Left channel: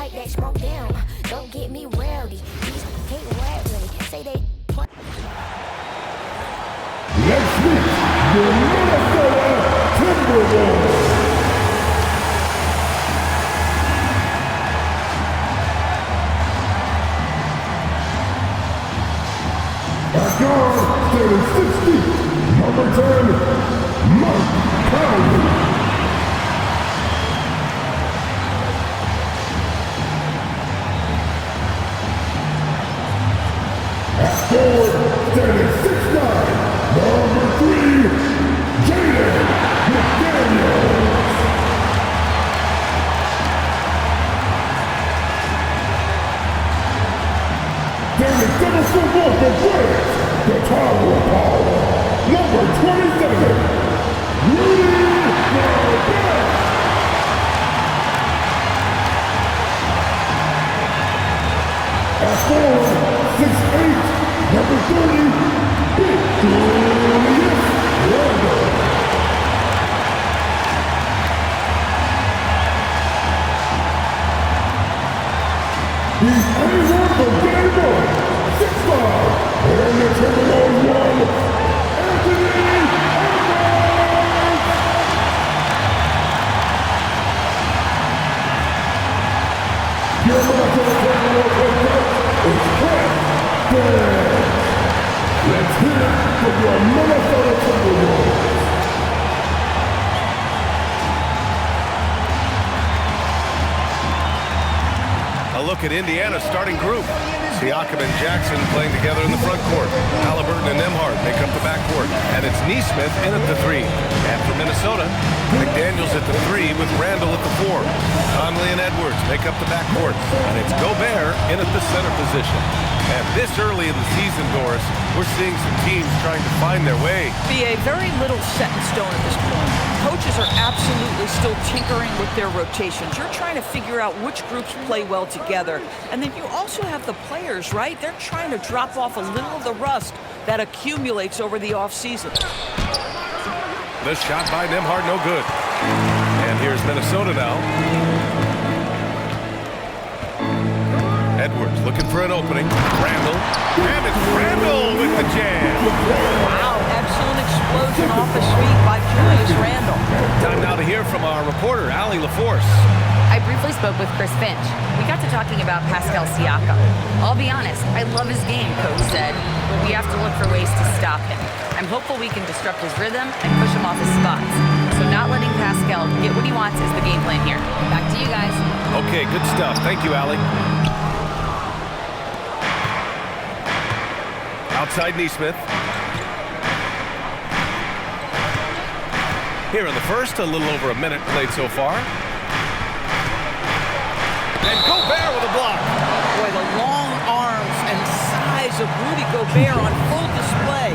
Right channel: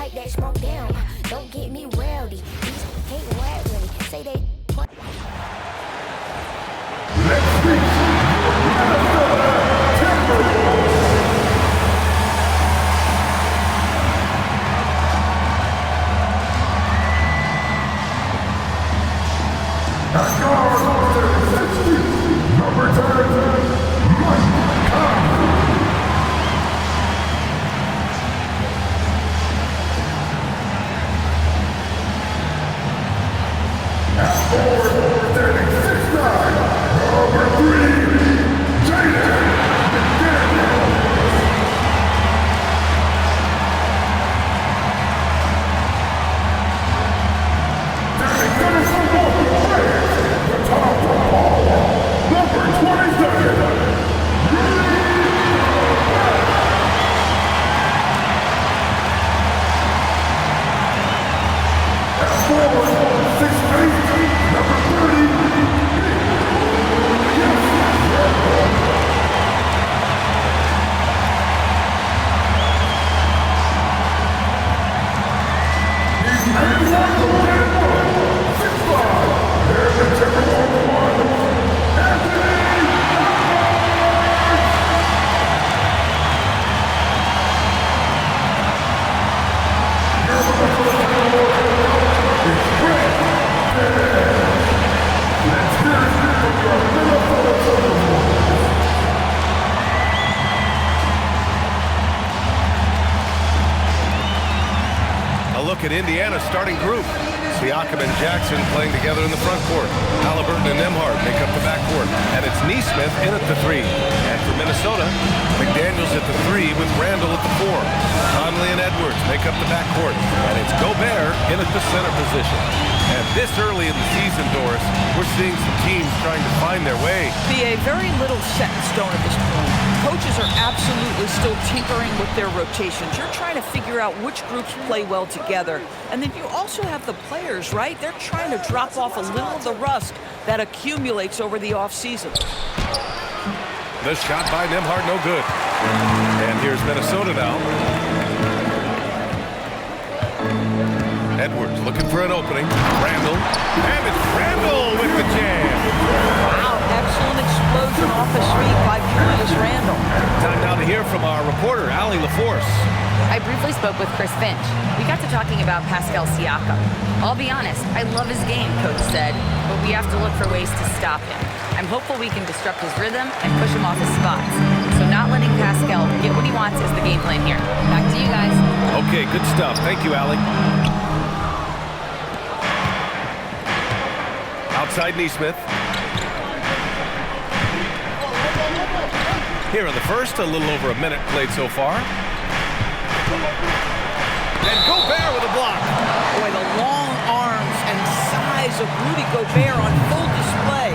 pipe that smoke down. Don't get me rowdy. These can't rap with me. Say they. Let's meet your Minnesota Timberwolves. At guard, standing 60, number 10, Mike Conley. At forward, standing 6'9", number 3, Jaden McDaniels. Standing 7 foot off the branch, the tower power, number 27, Rudy Gobert. At forward, 6'8", number 30, Victorious Randle. He's A1 from day one, 6'5", and the Timberwolves one, Anthony Edwards. Your Minnesota Timberwolves head coach is Chris Finch. Let's hear it from your Minnesota Timberwolves. A look at Indiana's starting group. Siakam and Jackson playing together in the front court. Halliburton and Nembhard make up the backcourt. And it's Nesmith in at the 3. And for Minnesota, McDaniels at the 3 with Randle at the 4. Conley and Edwards make up the backcourt. And it's Gobert in at the center position. And this early in the season, Doris, we're seeing some teams trying to find their way. BA, very little set in stone at this point. Coaches are absolutely still tinkering with their rotations. You're trying to figure out which groups play well together. And then you also have the players, right? They're trying to drop off a little of the rust that accumulates over the offseason. The shot by Nembhard, no good. And here's Minnesota now. Edwards looking for an opening. Randle. And it's Randle with the jam. Wow, excellent explosion off his feet by Julius Randle. Time now to hear from our reporter, Allie LaForce. I briefly spoke with Chris Finch. We got to talking about Pascal Siakam. I'll be honest, I love his game, Coach said, but we have to look for ways to stop him. I'm hopeful we can disrupt his rhythm and push him off his spots. So not letting Pascal get what he wants is the game plan here. Back to you guys. Okay, good stuff. Thank you, Allie. Outside Nesmith. Here in the first, a little over a minute played so far. And Gobert with a block. Boy, the long arms and size of Rudy Gobert on full display.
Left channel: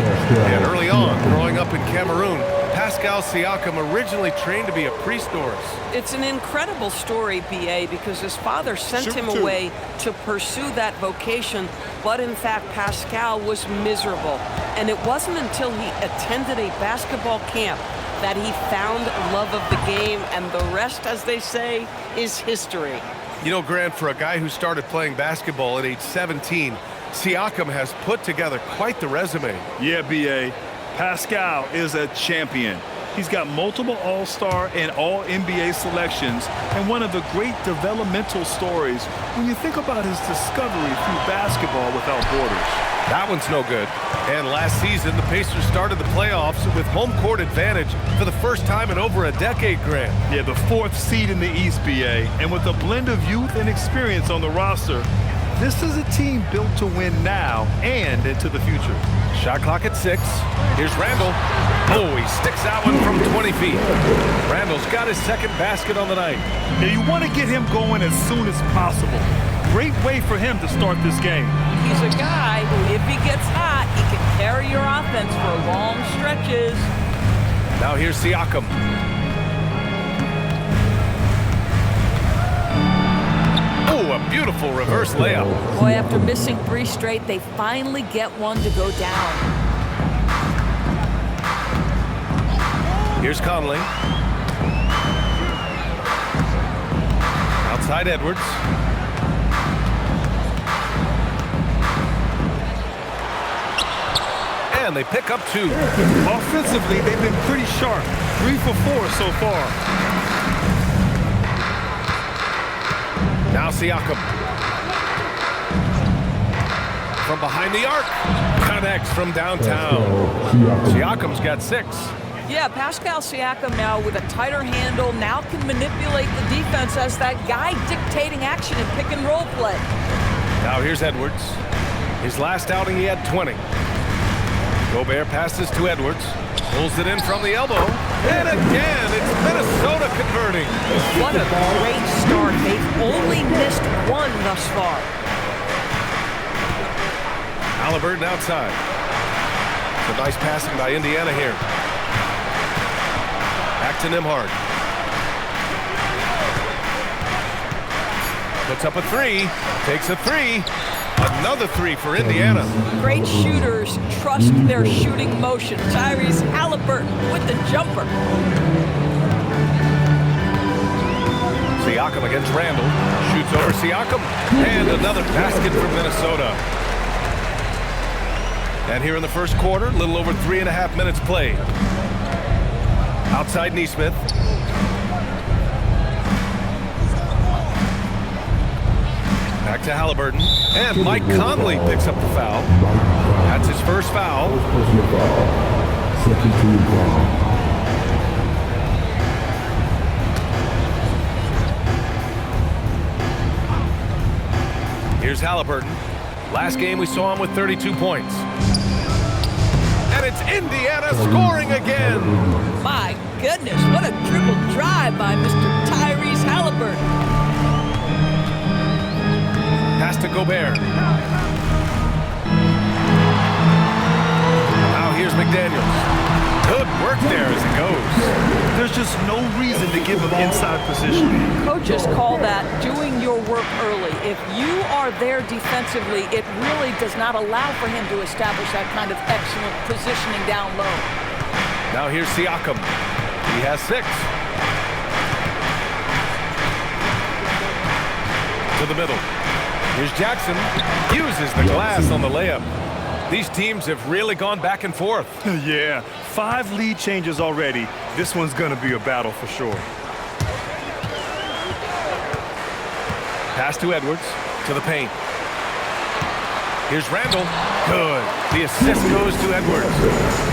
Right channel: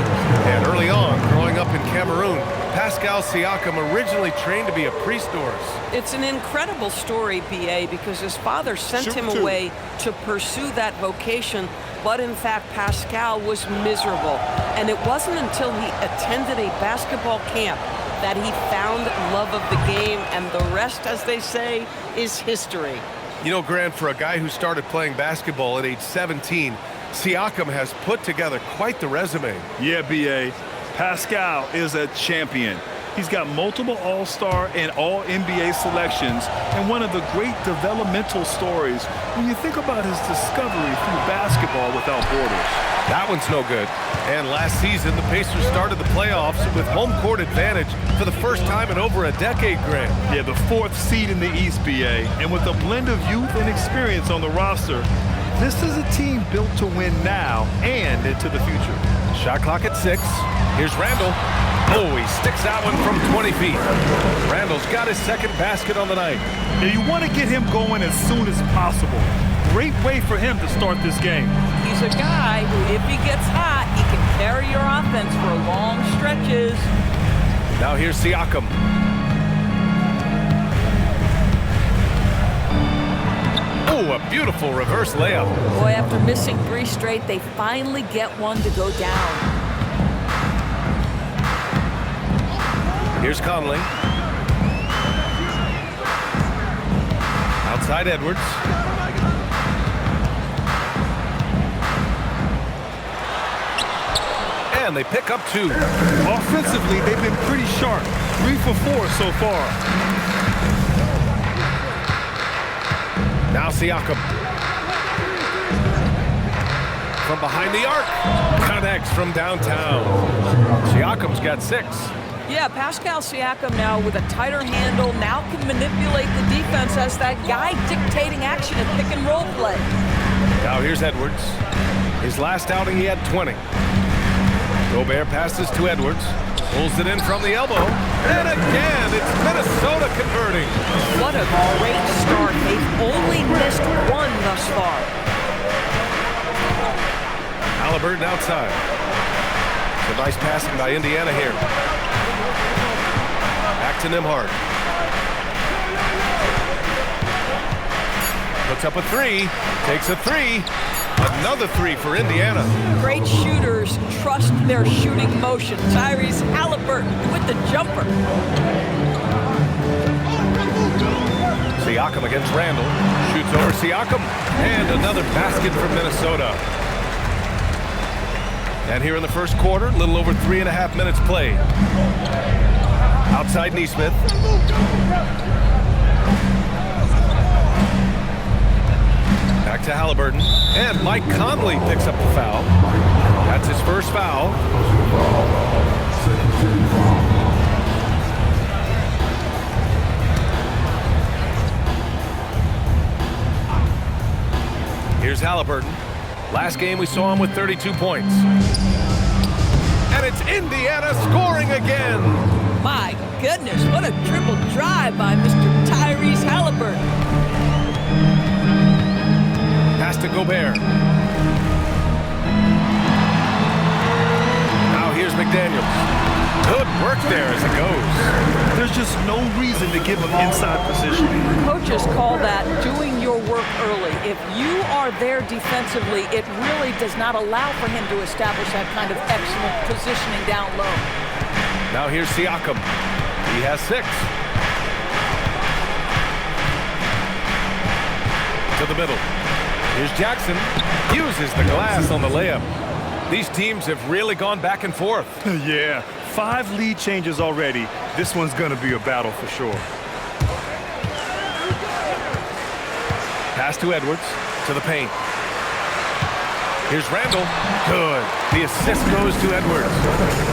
And early on, growing up in Cameroon, Pascal Siakam originally trained to be a priest, Doris. It's an incredible story, BA, because his father sent him away to pursue that vocation, but in fact, Pascal was miserable. And it wasn't until he attended a basketball camp that he found love of the game, and the rest, as they say, is history. You know, Grant, for a guy who started playing basketball at age 17, Siakam has put together quite the resume. Yeah, B.A. Pascal is a champion. He's got multiple All-Star and All-NBA selections, and one of the great developmental stories when you think about his discovery through basketball without borders. That one's no good. And last season, the Pacers started the playoffs with home court advantage for the first time in over a decade, Grant. Yeah, the 4th seed in the East, B.A., and with a blend of youth and experience on the roster, this is a team built to win now and into the future. Shot clock at 6. Here's Randle. Oh, he sticks that one from 20 feet. Randle's got his second basket on the night. Yeah, you want to get him going as soon as possible. Great way for him to start this game. He's a guy who, if he gets hot, he can carry your offense for long stretches. Now here's Siakam. Oh, a beautiful reverse layup. Boy, after missing 3 straight, they finally get one to go down. Here's Conley. Outside Edwards. and they pick up 2. Offensively, they've been pretty sharp. 3 for 4 so far. Now Siakam. From behind the arc. Connects from downtown. Siakam's got 6. Yeah, Pascal Siakam now with a tighter handle, now can manipulate the defense as that guy dictating action in pick and roll play. Now here's Edwards. His last outing, he had 20. Gobert passes to Edwards. Pulls it in from the elbow. And again, it's Minnesota converting. What a great start. They've only missed 1 thus far. Halliburton outside. Some nice passing by Indiana here. Back to Nembhard. Puts up a 3. Takes a 3. Another 3 for Indiana. Great shooters trust their shooting motion. Tyrese Halliburton with the jumper. Siakam against Randall. Shoots over Siakam. And another basket from Minnesota. And here in the first quarter, a little over 3.5 minutes played. Outside Nesmith. Back to Halliburton. And Mike Conley picks up the foul. That's his first foul. Second team foul. Here's Halliburton. Last game we saw him with 32 points. And it's Indiana scoring again. My goodness, what a triple drive by Mr. Tyrese Halliburton. Pass to Gobert. Now here's McDaniels. Good work there as it goes. There's just no reason to give him inside positioning. Coaches call that doing your work early. If you are there defensively, it really does not allow for him to establish that kind of excellent positioning down low. Now here's Siakam. He has 6. To the middle. Here's Jackson. Uses the glass on the layup. These teams have really gone back and forth. Yeah, 5 lead changes already. This one's gonna be a battle for sure. Pass to Edwards. To the paint. Here's Randall. Good. The assist goes to Edwards.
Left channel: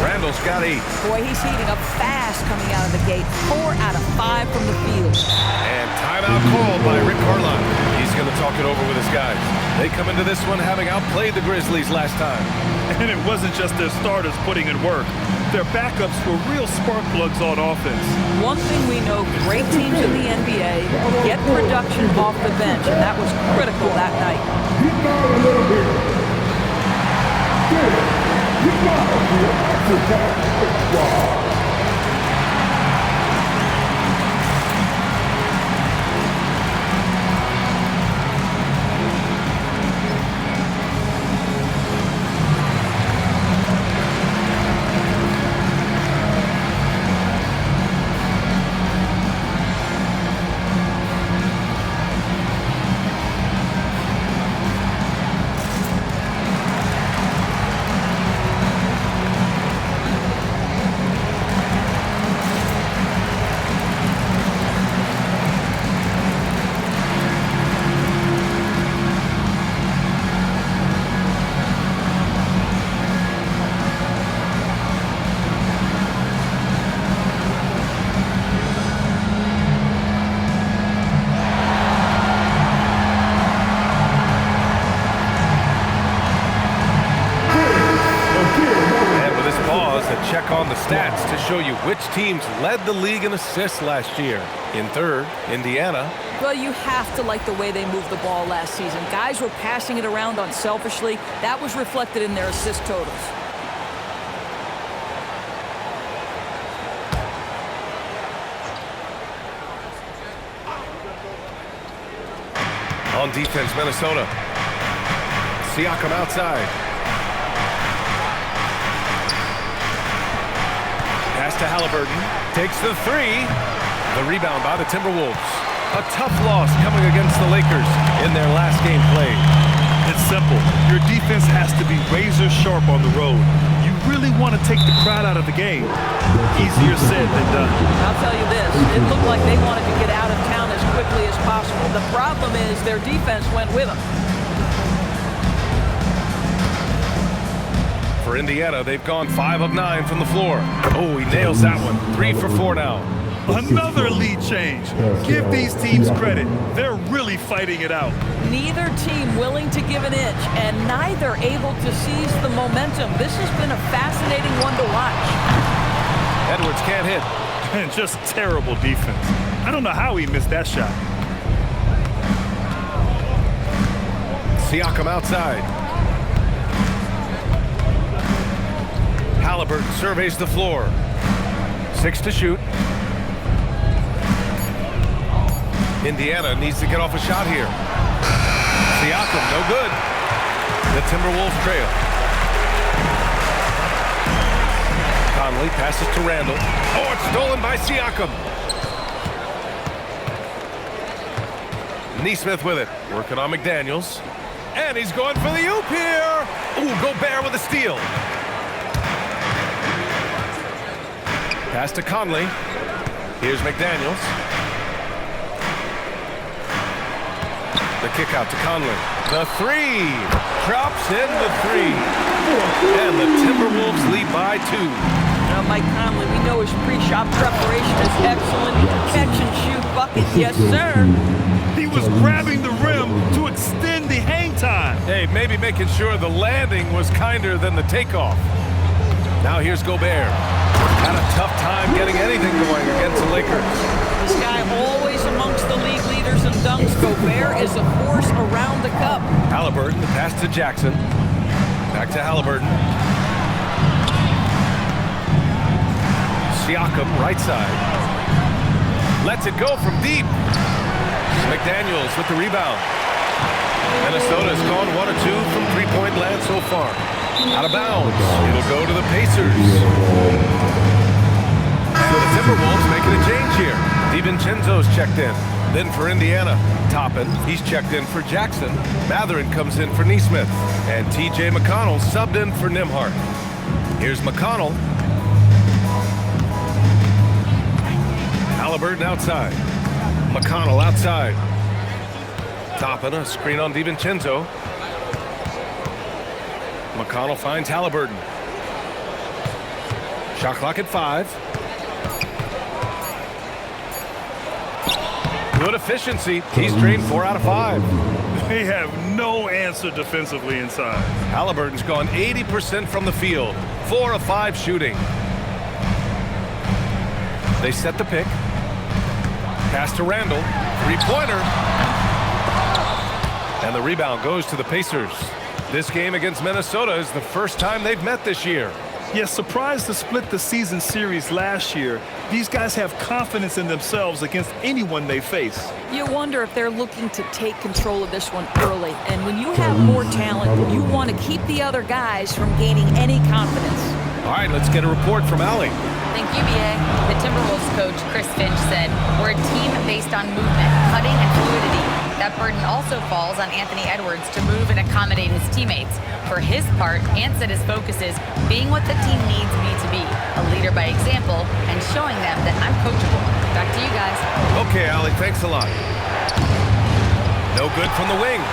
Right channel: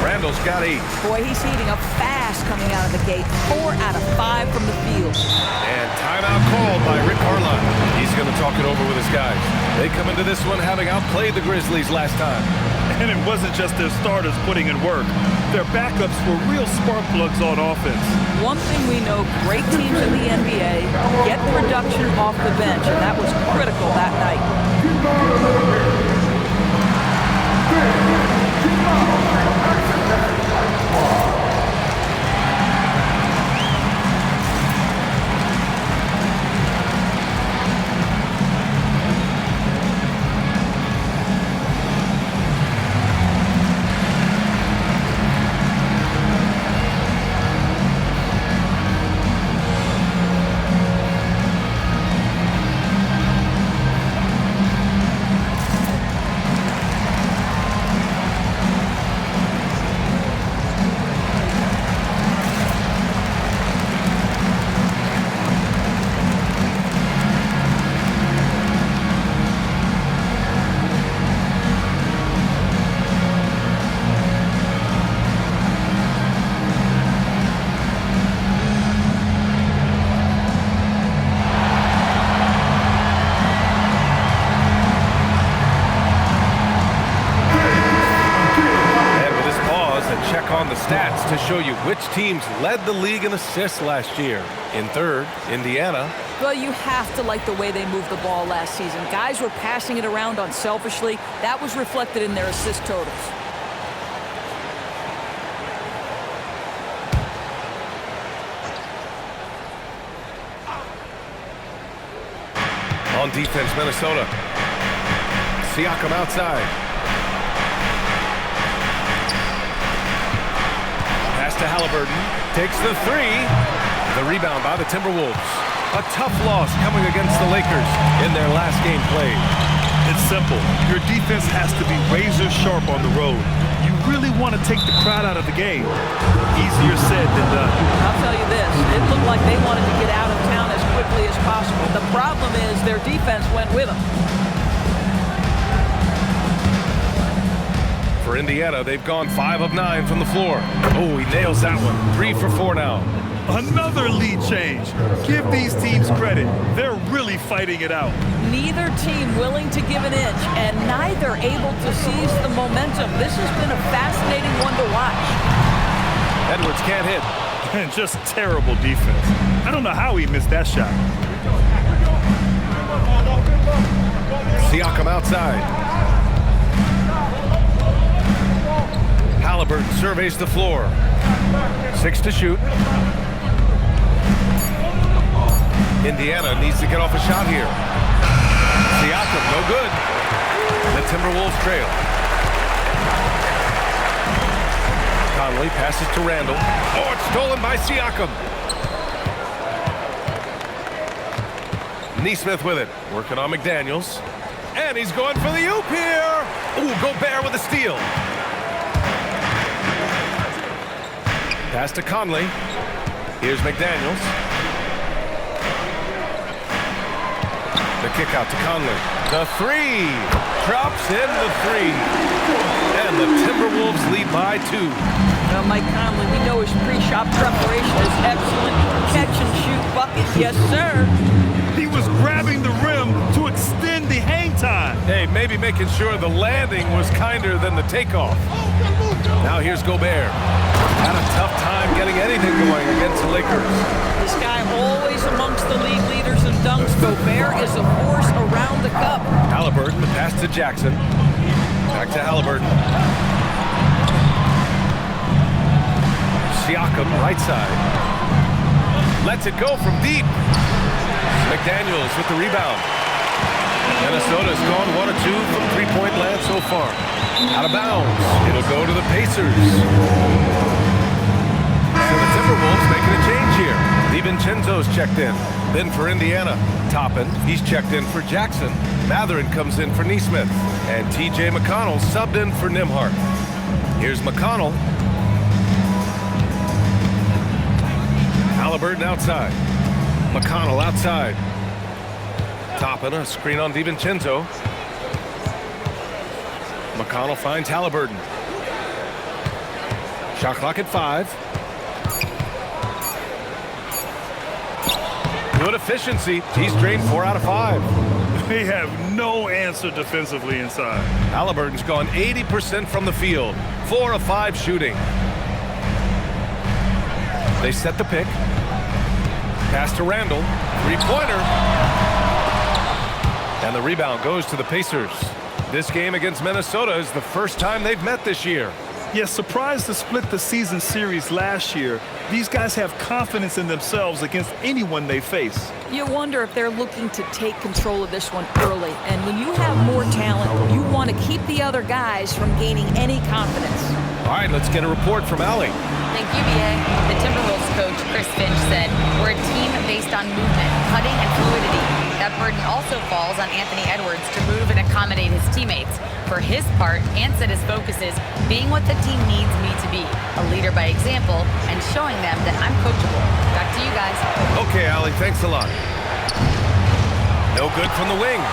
Randall's got 8. Boy, he's heating up fast coming out of the gate. 4 out of 5 from the field. And timeout called by Rick Carlisle. He's going to talk it over with his guys. They come into this one having outplayed the Grizzlies last time. And it wasn't just their starters putting in work. Their backups were real spark plugs on offense. One thing we know, great teams in the NBA get production off the bench, and that was critical that night. A check on the stats to show you which teams led the league in assists last year. In third, Indiana. Well, you have to like the way they moved the ball last season. Guys were passing it around unselfishly. That was reflected in their assist totals. On defense, Minnesota. Siakam outside. Pass to Halliburton. Takes the 3. The rebound by the Timberwolves. A tough loss coming against the Lakers in their last game played. It's simple. Your defense has to be razor sharp on the road. You really want to take the crowd out of the game. Easier said than done. I'll tell you this, it looked like they wanted to get out of town as quickly as possible. The problem is their defense went with them. For Indiana, they've gone 5 of 9 from the floor. Oh, he nails that one. 3 for 4 now. Another lead change. Give these teams credit. They're really fighting it out. Neither team willing to give an inch, and neither able to seize the momentum. This has been a fascinating one to watch. Edwards can't hit. And just terrible defense. I don't know how he missed that shot. Siakam outside. Halliburton surveys the floor. 6 to shoot. Indiana needs to get off a shot here. Siakam, no good. The Timberwolves trail. Conley passes to Randall. Oh, it's stolen by Siakam. Neesmith with it. Working on McDaniels. And he's going for the oop here. Ooh, Gobert with a steal. Pass to Conley. Here's McDaniels. The kick out to Conley. The 3. Drops in the 3. And the Timberwolves lead by 2. Mike Conley, we know his pre-shot preparation is excellent. Catch and shoot bucket, yes sir. He was grabbing the rim to extend the hang time. Hey, maybe making sure the landing was kinder than the takeoff. Now here's Gobert. Had a tough time getting anything going against the Lakers. This guy always amongst the league leaders in dunks. Gobert is a force around the cup. Halliburton, the pass to Jackson. Back to Halliburton. Siakam, right side. Lets it go from deep. McDaniels with the rebound. Minnesota's gone 1 of 2 from three-point land so far. Out of bounds. It'll go to the Pacers. And the Timberwolves making a change here. DiVincenzo's checked in. Then for Indiana, Toppin, he's checked in for Jackson. Matherin comes in for Neesmith. And T.J. McConnell subbed in for Nembhard. Here's McConnell. Halliburton outside. McConnell outside. Toppin, a screen on DiVincenzo. McConnell finds Halliburton. Shot clock at 5. Good efficiency. He's drained 4 out of 5. They have no answer defensively inside. Halliburton's gone 80% from the field. 4 of 5 shooting. They set the pick. Pass to Randall. 3-pointer. And the rebound goes to the Pacers. This game against Minnesota is the first time they've met this year. Yes, surprised to split the season series last year. These guys have confidence in themselves against anyone they face. You wonder if they're looking to take control of this one early. And when you have more talent, you want to keep the other guys from gaining any confidence. All right, let's get a report from Allie. Thank you, B.A. The Timberwolves coach, Chris Finch, said, "We're a team based on movement, cutting, and fluidity. That burden also falls on Anthony Edwards to move and accommodate his teammates. For his part, Ant said his focus is being what the team needs me to be, a leader by example, and showing them that I'm coachable." Back to you guys. Okay, Allie, thanks a lot. No good from the wing.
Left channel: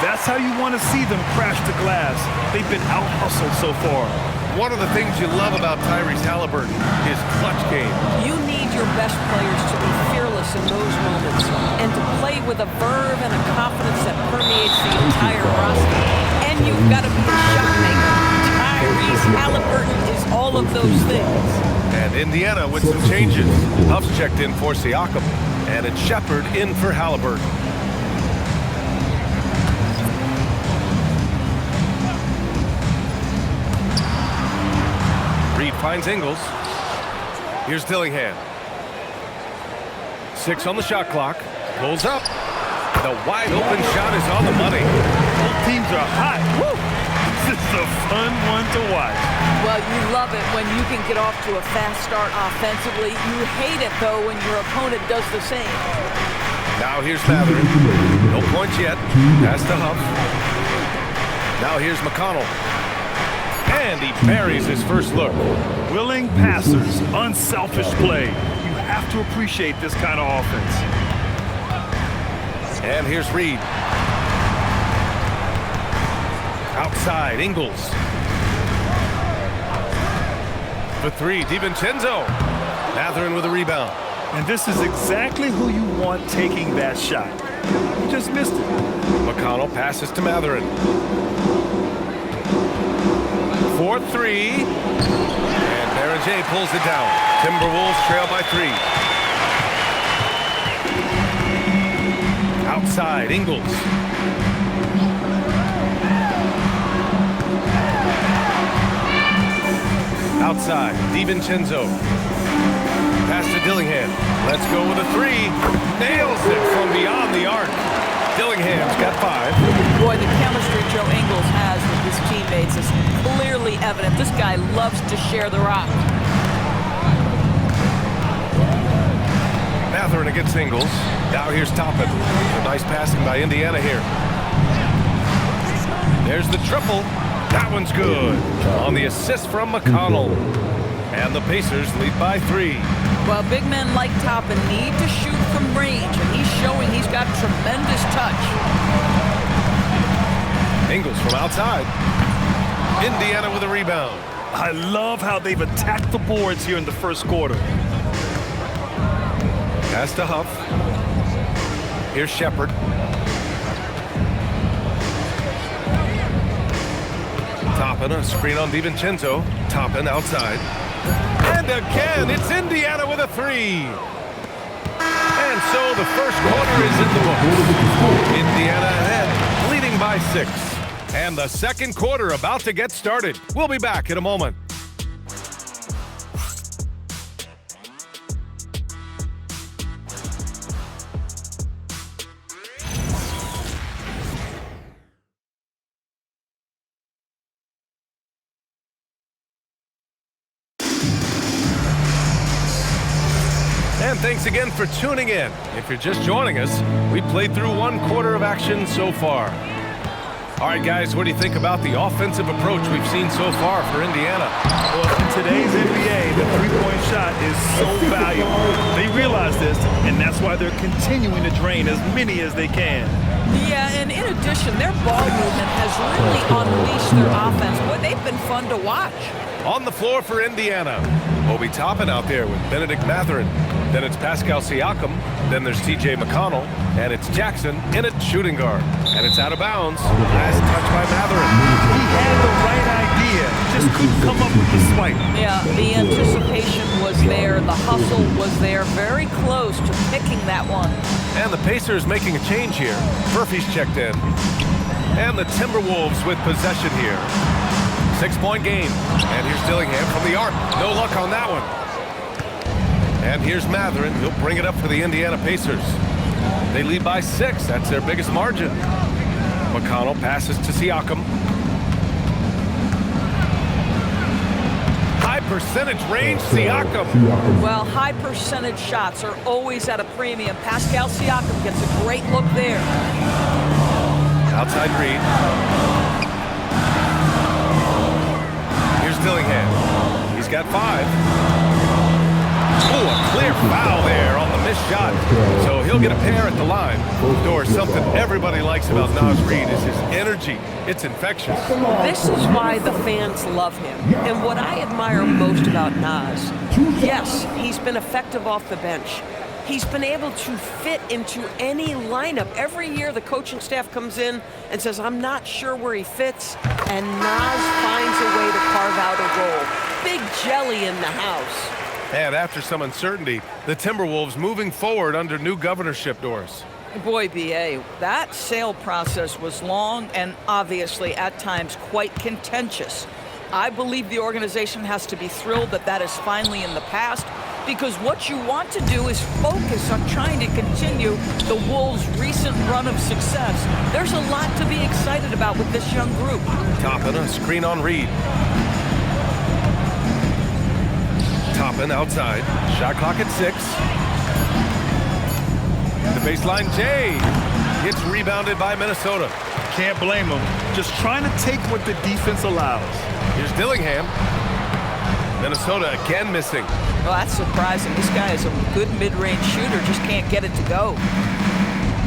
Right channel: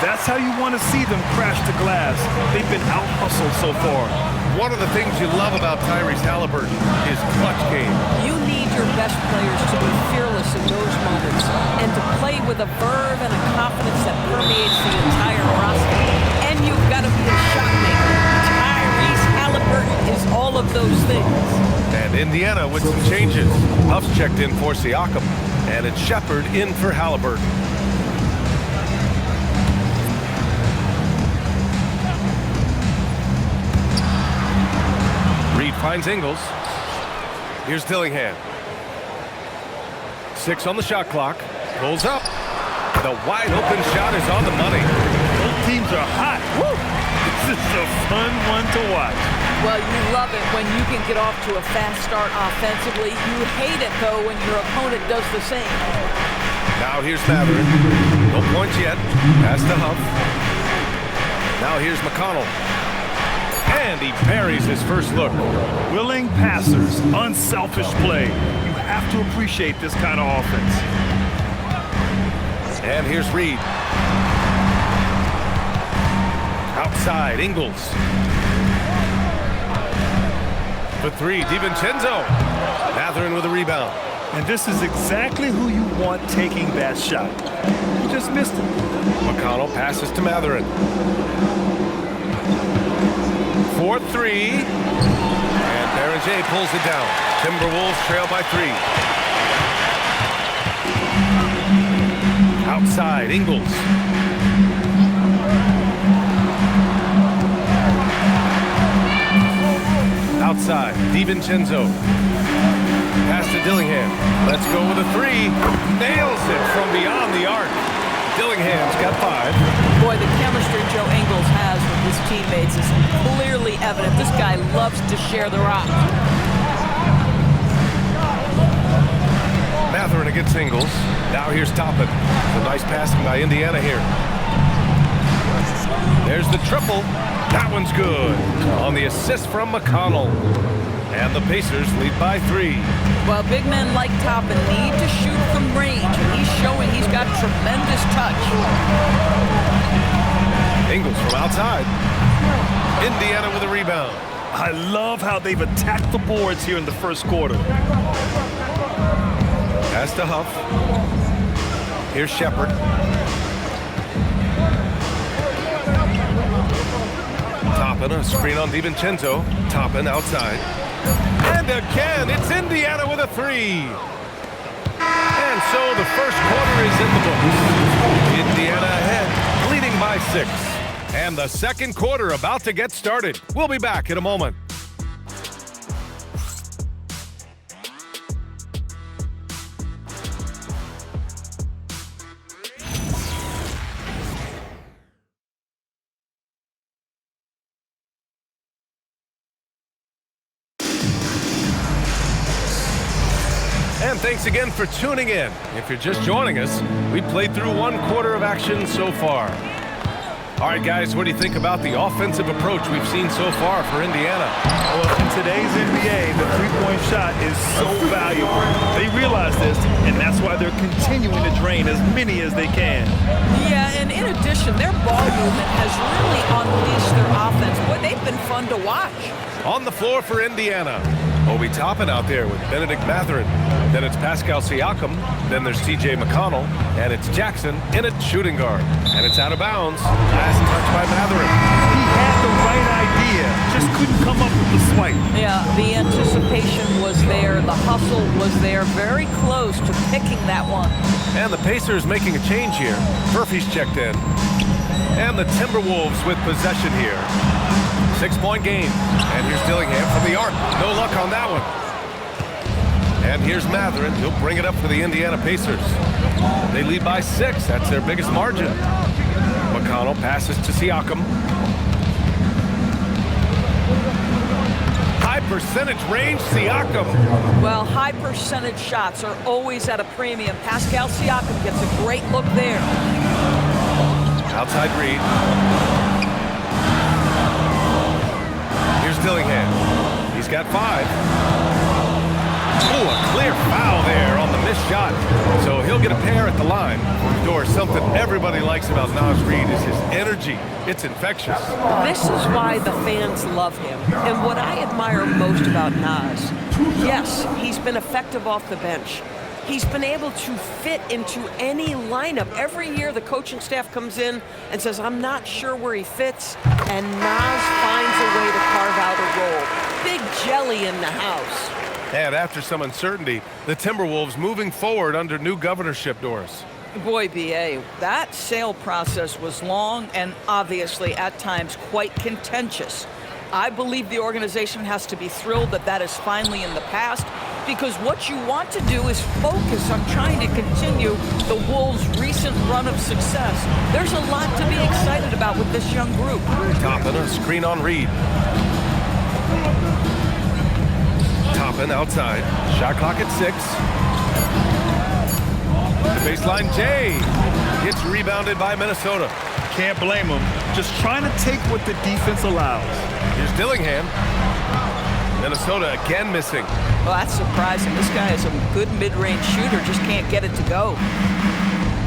That's how you want to see them crash the glass. They've been out-hustled so far. One of the things you love about Tyrese Halliburton is clutch game. You need your best players to be fearless in those moments and to play with a verve and a confidence that permeates the entire roster. And you've got to be a shot maker. Tyrese Halliburton is all of those things. And Indiana with some changes. Huff's checked in for Siakam, and it's Shepard in for Halliburton. Reed finds Ingles. Here's Dillingham. 6 on the shot clock. Pulls up. The wide open shot is on the money. Both teams are hot. Woo! This is a fun one to watch. Well, you love it when you can get off to a fast start offensively. You hate it, though, when your opponent does the same. Now here's Matherin. No points yet. Pass to Huff. Now here's McConnell. And he buries his first look. Willing passers, unselfish play. You have to appreciate this kind of offense. And here's Reed. Outside, Ingles. For three, DiVincenzo. Mathurin with a rebound. And this is exactly who you want taking that shot. He just missed it. McConnell passes to Mathurin. 4-3. And Beranger pulls it down. Timberwolves trail by 3. Outside, Ingles. Outside, DiVincenzo. Pass to Dillingham. Let's go with a 3. Nails it from beyond the arc. Dillingham's got 5. Boy, the chemistry Joe Ingles has with his teammates is clearly evident. This guy loves to share the rock. Mathurin against Ingles. Now here's Toppin. A nice passing by Indiana here. There's the triple. That one's good. On the assist from McConnell. And the Pacers lead by 3. Well, big men like Toppin need to shoot from range, and he's showing he's got tremendous touch. Ingles from outside. Indiana with a rebound. I love how they've attacked the boards here in the first quarter. Pass to Huff. Here's Shepard. Toppin, a screen on DiVincenzo. Toppin outside. And again, it's Indiana with a 3. And so the first quarter is in the books. Indiana ahead, leading by 6. And the second quarter about to get started. We'll be back in a moment. And thanks again for tuning in. If you're just joining us, we played through 1 quarter of action so far. All right, guys, what do you think about the offensive approach we've seen so far for Indiana? Well, in today's NBA, the three-point shot is so valuable. They realize this, and that's why they're continuing to drain as many as they can. Yeah, and in addition, their ball movement has really unleashed their offense. Boy, they've been fun to watch. On the floor for Indiana, Obi Toppin out there with Benedict Mathurin. Then it's Pascal Siakam. Then there's TJ McConnell. And it's Jackson in at shooting guard. And it's out of bounds. Last touch by Mathurin. He had the right idea, just couldn't come up with the swipe. Yeah, the anticipation was there. The hustle was there. Very close to picking that one. And the Pacers making a change here. Murphy's checked in. And the Timberwolves with possession here. 6-point game. And here's Dillingham from the arc. No luck on that one. And here's Mathurin. He'll bring it up for the Indiana Pacers. They lead by 6. That's their biggest margin. McConnell passes to Siakam. High percentage range, Siakam. Well, high percentage shots are always at a premium. Pascal Siakam gets a great look there. Outside Reed. Here's Dillingham. He's got 5. Oh, a clear foul there on the missed shot. So he'll get a pair at the line. Or something everybody likes about Naz Reid is his energy. It's infectious. This is why the fans love him. And what I admire most about Naz, yes, he's been effective off the bench. He's been able to fit into any lineup. Every year the coaching staff comes in and says, I'm not sure where he fits, and Naz finds a way to carve out a role. Big jelly in the house. And after some uncertainty, the Timberwolves moving forward under new governorship doors. Boy, B.A., that sale process was long and obviously at times quite contentious. I believe the organization has to be thrilled that that is finally in the past, because what you want to do is focus on trying to continue the Wolves' recent run of success. There's a lot to be excited about with this young group. Toppin, a screen on Reed. Toppin outside. Shot clock at 6. The baseline, Jay. It's rebounded by Minnesota. Can't blame him. Just trying to take what the defense allows. Here's Dillingham. Minnesota again missing. Well, that's surprising. This guy is a good mid-range shooter, just can't get it to go.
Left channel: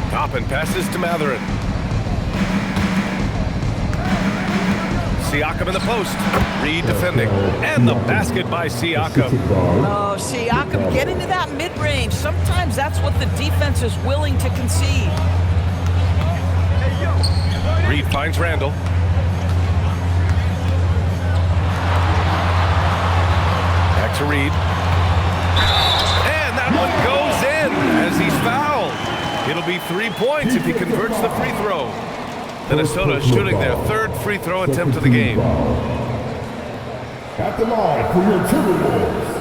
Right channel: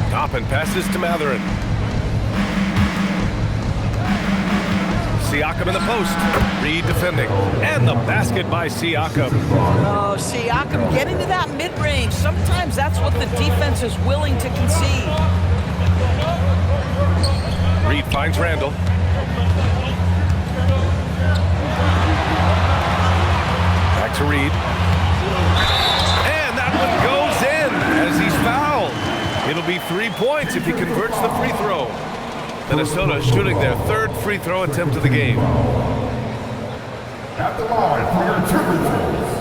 Toppin passes to Matherin. Siakam in the post. Reed defending. And the basket by Siakam. Oh, Siakam getting to that mid-range. Sometimes that's what the defense is willing to concede. Reed finds Randall. Back to Reed. And that one goes in as he's fouled. It'll be 3 points if he converts the free throw. Minnesota shooting their third free throw attempt of the game. At the line for your Timberwolves,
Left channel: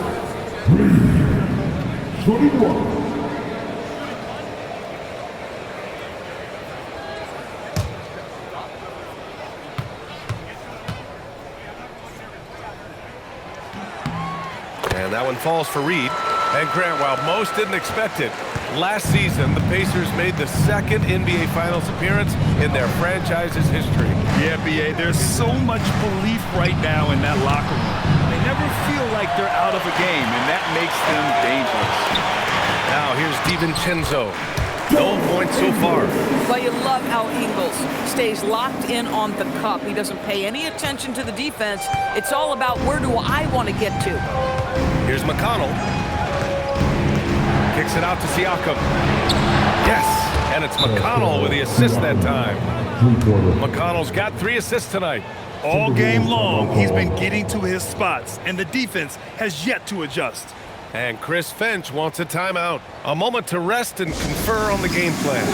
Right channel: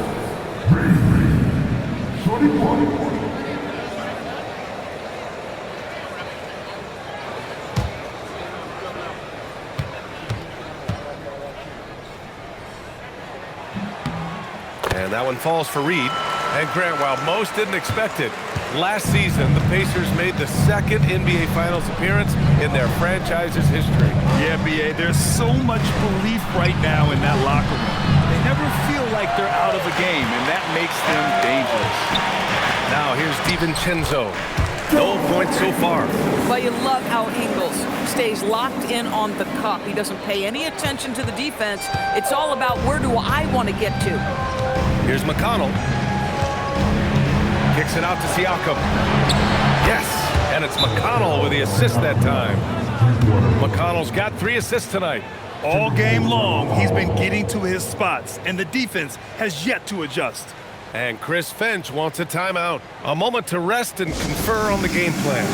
Reed, shooting one. And that one falls for Reed. And Grant, while most didn't expect it, last season the Pacers made the second NBA Finals appearance in their franchise's history. Yeah, B.A., there's so much belief right now in that locker room. They never feel like they're out of a game, and that makes them dangerous. Now here's DiVincenzo. No points so far. But you love how Ingles stays locked in on the cup. He doesn't pay any attention to the defense. It's all about where do I want to get to. Here's McConnell. Kicks it out to Siakam. Yes, and it's McConnell with the assist that time. McConnell's got 3 assists tonight. All game long, he's been getting to his spots, and the defense has yet to adjust. And Chris Finch wants a timeout. A moment to rest and confer on the game plan.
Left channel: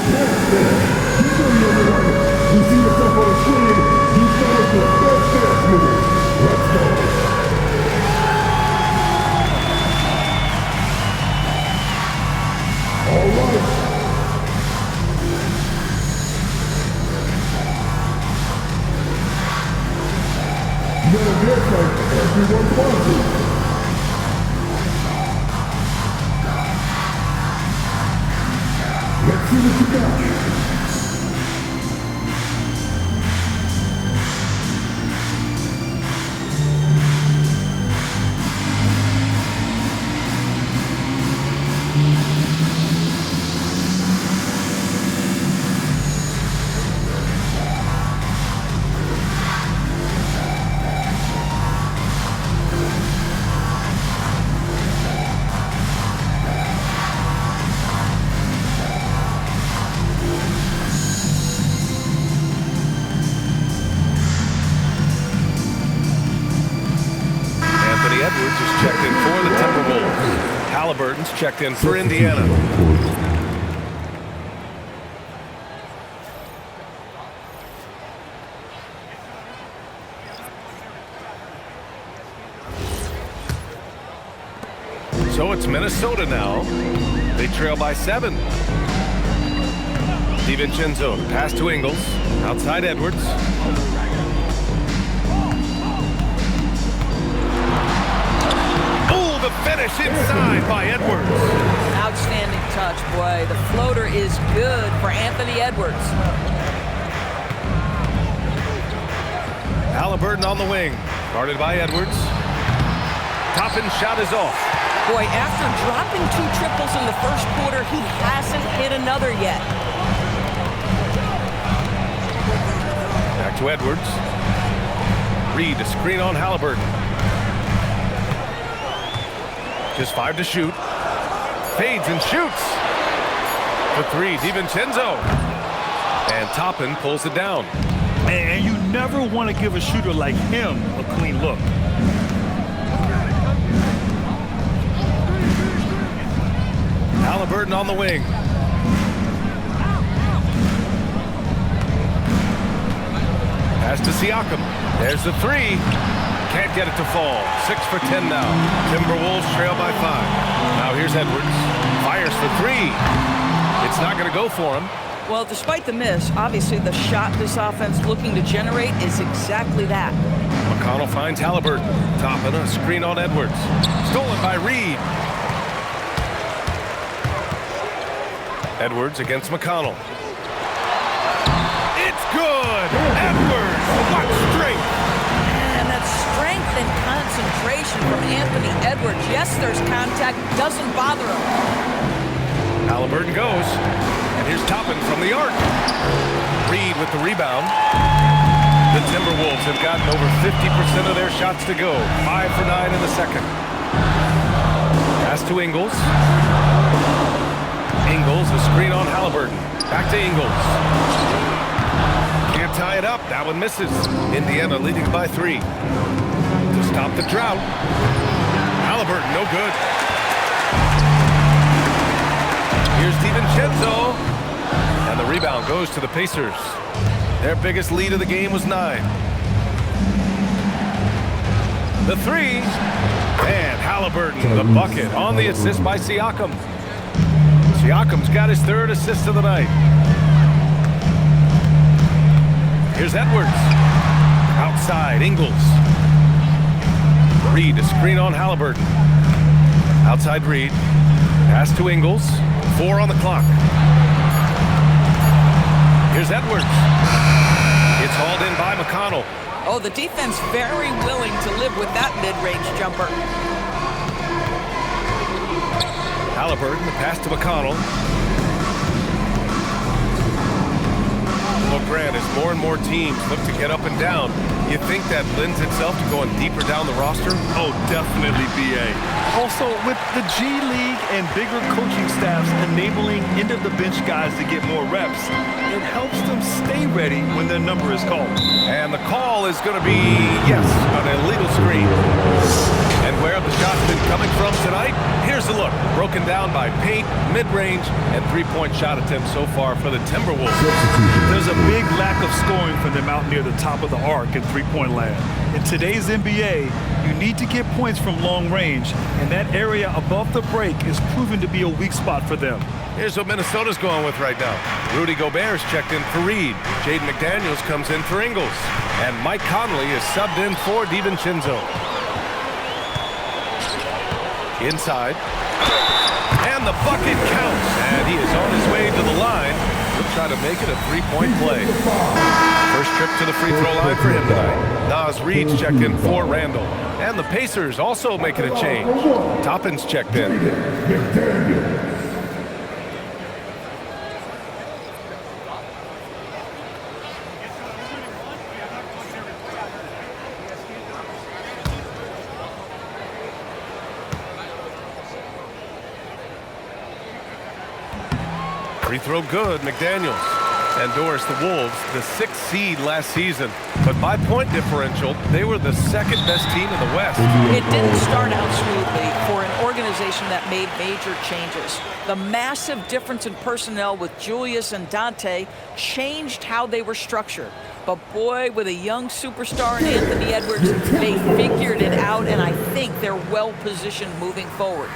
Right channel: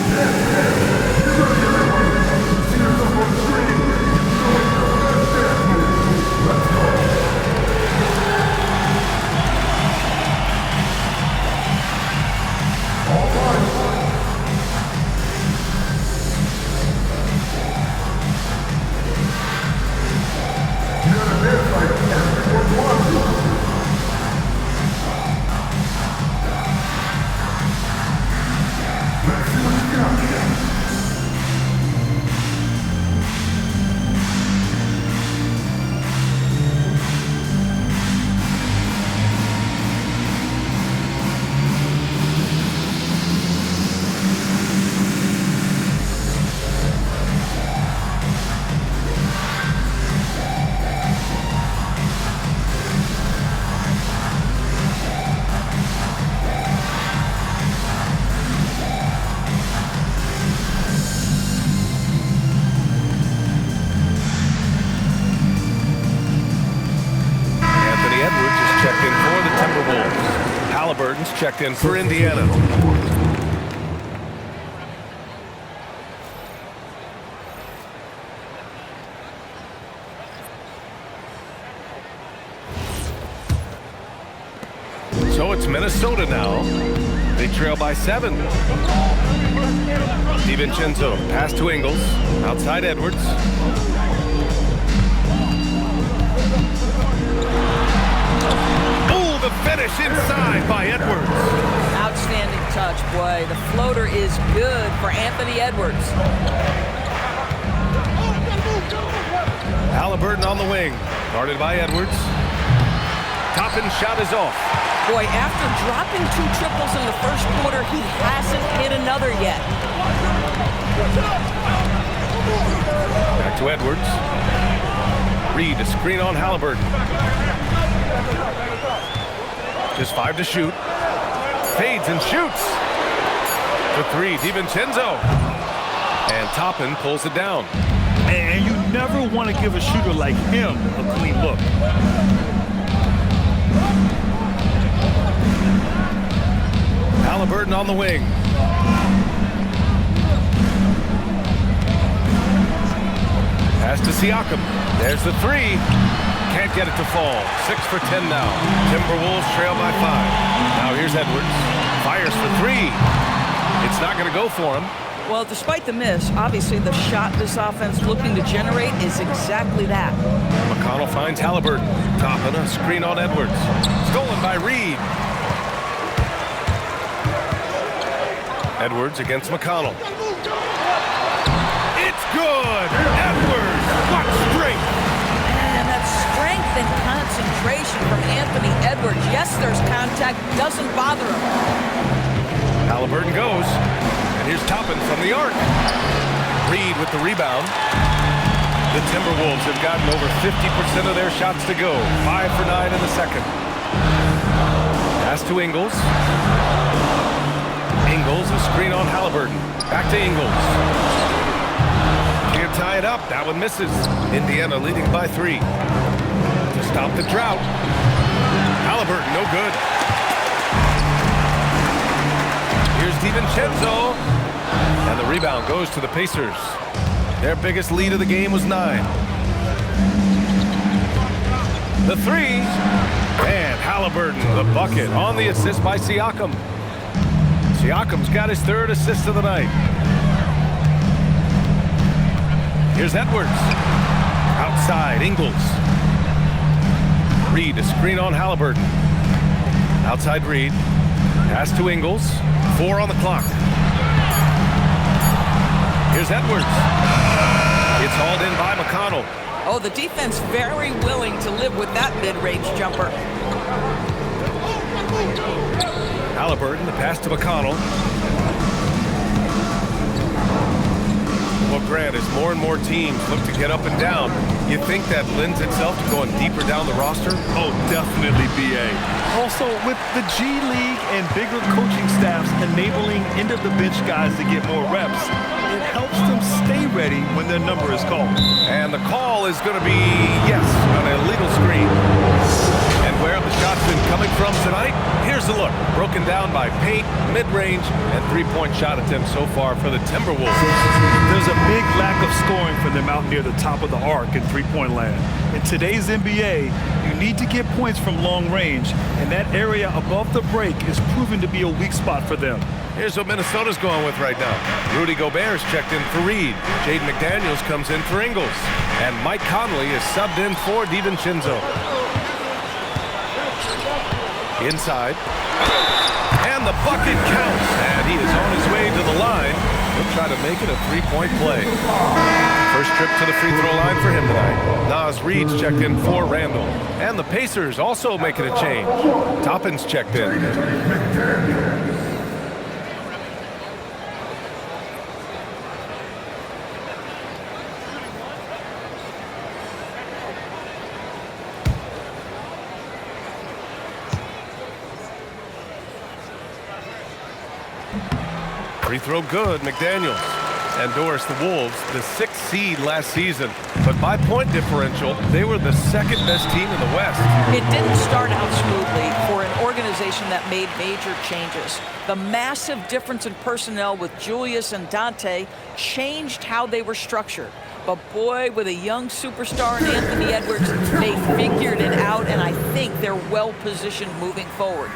Edwards is checked in for the Timberwolves. Halliburton's checked in for Indiana. So it's Minnesota now. They trail by 7. DiVincenzo, pass to Ingles. Outside Edwards. The finish inside by Edwards. Outstanding touch, boy. The floater is good for Anthony Edwards. Halliburton on the wing. Guarded by Edwards. Toppin shot is off. Boy, after dropping 2 triples in the first quarter, he hasn't hit another yet. Back to Edwards. Reed to screen on Halliburton. Just 5 to shoot. Fades and shoots. For 3, DiVincenzo. And Toppin pulls it down. And you never want to give a shooter like him a clean look. Halliburton on the wing. Pass to Siakam. There's the 3. Can't get it to fall. 6 for 10 now. Timberwolves trail by 5. Now here's Edwards. Fires for 3. It's not going to go for him. Well, despite the miss, obviously the shot this offense looking to generate is exactly that. McConnell finds Halliburton. Toppin a screen on Edwards. Stolen by Reed. Edwards against McConnell. It's good. Edwards, what strength. And that strength and concentration from Anthony Edwards. Yes, there's contact, doesn't bother him. Halliburton goes, and here's Toppin from the arc. Reed with the rebound. The Timberwolves have gotten over 50% of their shots to go. 5 for 9 in the second. Pass to Ingles. Ingles, a screen on Halliburton. Back to Ingles. Can't tie it up. That one misses. Indiana leading by 3. To stop the drought. Halliburton, no good. Here's DiVincenzo. And the rebound goes to the Pacers. Their biggest lead of the game was 9. The 3. And Halliburton, the bucket on the assist by Siakam. Siakam's got his 3rd assist of the night. Here's Edwards. Outside, Ingles. Reed, a screen on Halliburton. Outside Reed. Pass to Ingles. 4 on the clock. Here's Edwards. It's hauled in by McConnell. Oh, the defense very willing to live with that mid-range jumper. Halliburton, the pass to McConnell. Well, Grant, as more and more teams look to get up and down, you think that lends itself to going deeper down the roster? Oh, definitely, B.A. Also, with the G League and bigger coaching staffs enabling end-of-the-bench guys to get more reps, it helps them stay ready when their number is called. And the call is going to be, yes, an illegal screen. And where have the shots been coming from tonight? Here's a look. Broken down by paint, mid-range, and three-point shot attempts so far for the Timberwolves. There's a big lack of scoring from them out near the top of the arc in three-point land. In today's NBA, you need to get points from long range, and that area above the break is proven to be a weak spot for them. Here's what Minnesota's going with right now. Rudy Gobert's checked in for Reed. Jaden McDaniels comes in for Ingles. And Mike Conley is subbed in for DiVincenzo. Inside. And the bucket counts. And he is on his way to the line. He'll try to make it a three-point play. First trip to the free throw line for him tonight. Naz Reed's checked in for Randall. And the Pacers also making a change. Toppin's checked in. 3 throw good, McDaniels. And Doris, the Wolves, the 6th seed last season. But by point differential, they were the second best team in the West. It didn't start out smoothly for an organization that made major changes. The massive difference in personnel with Julius and Dante changed how they were structured. But boy, with a young superstar in Anthony Edwards, they figured it out, and I think they're well positioned moving forward.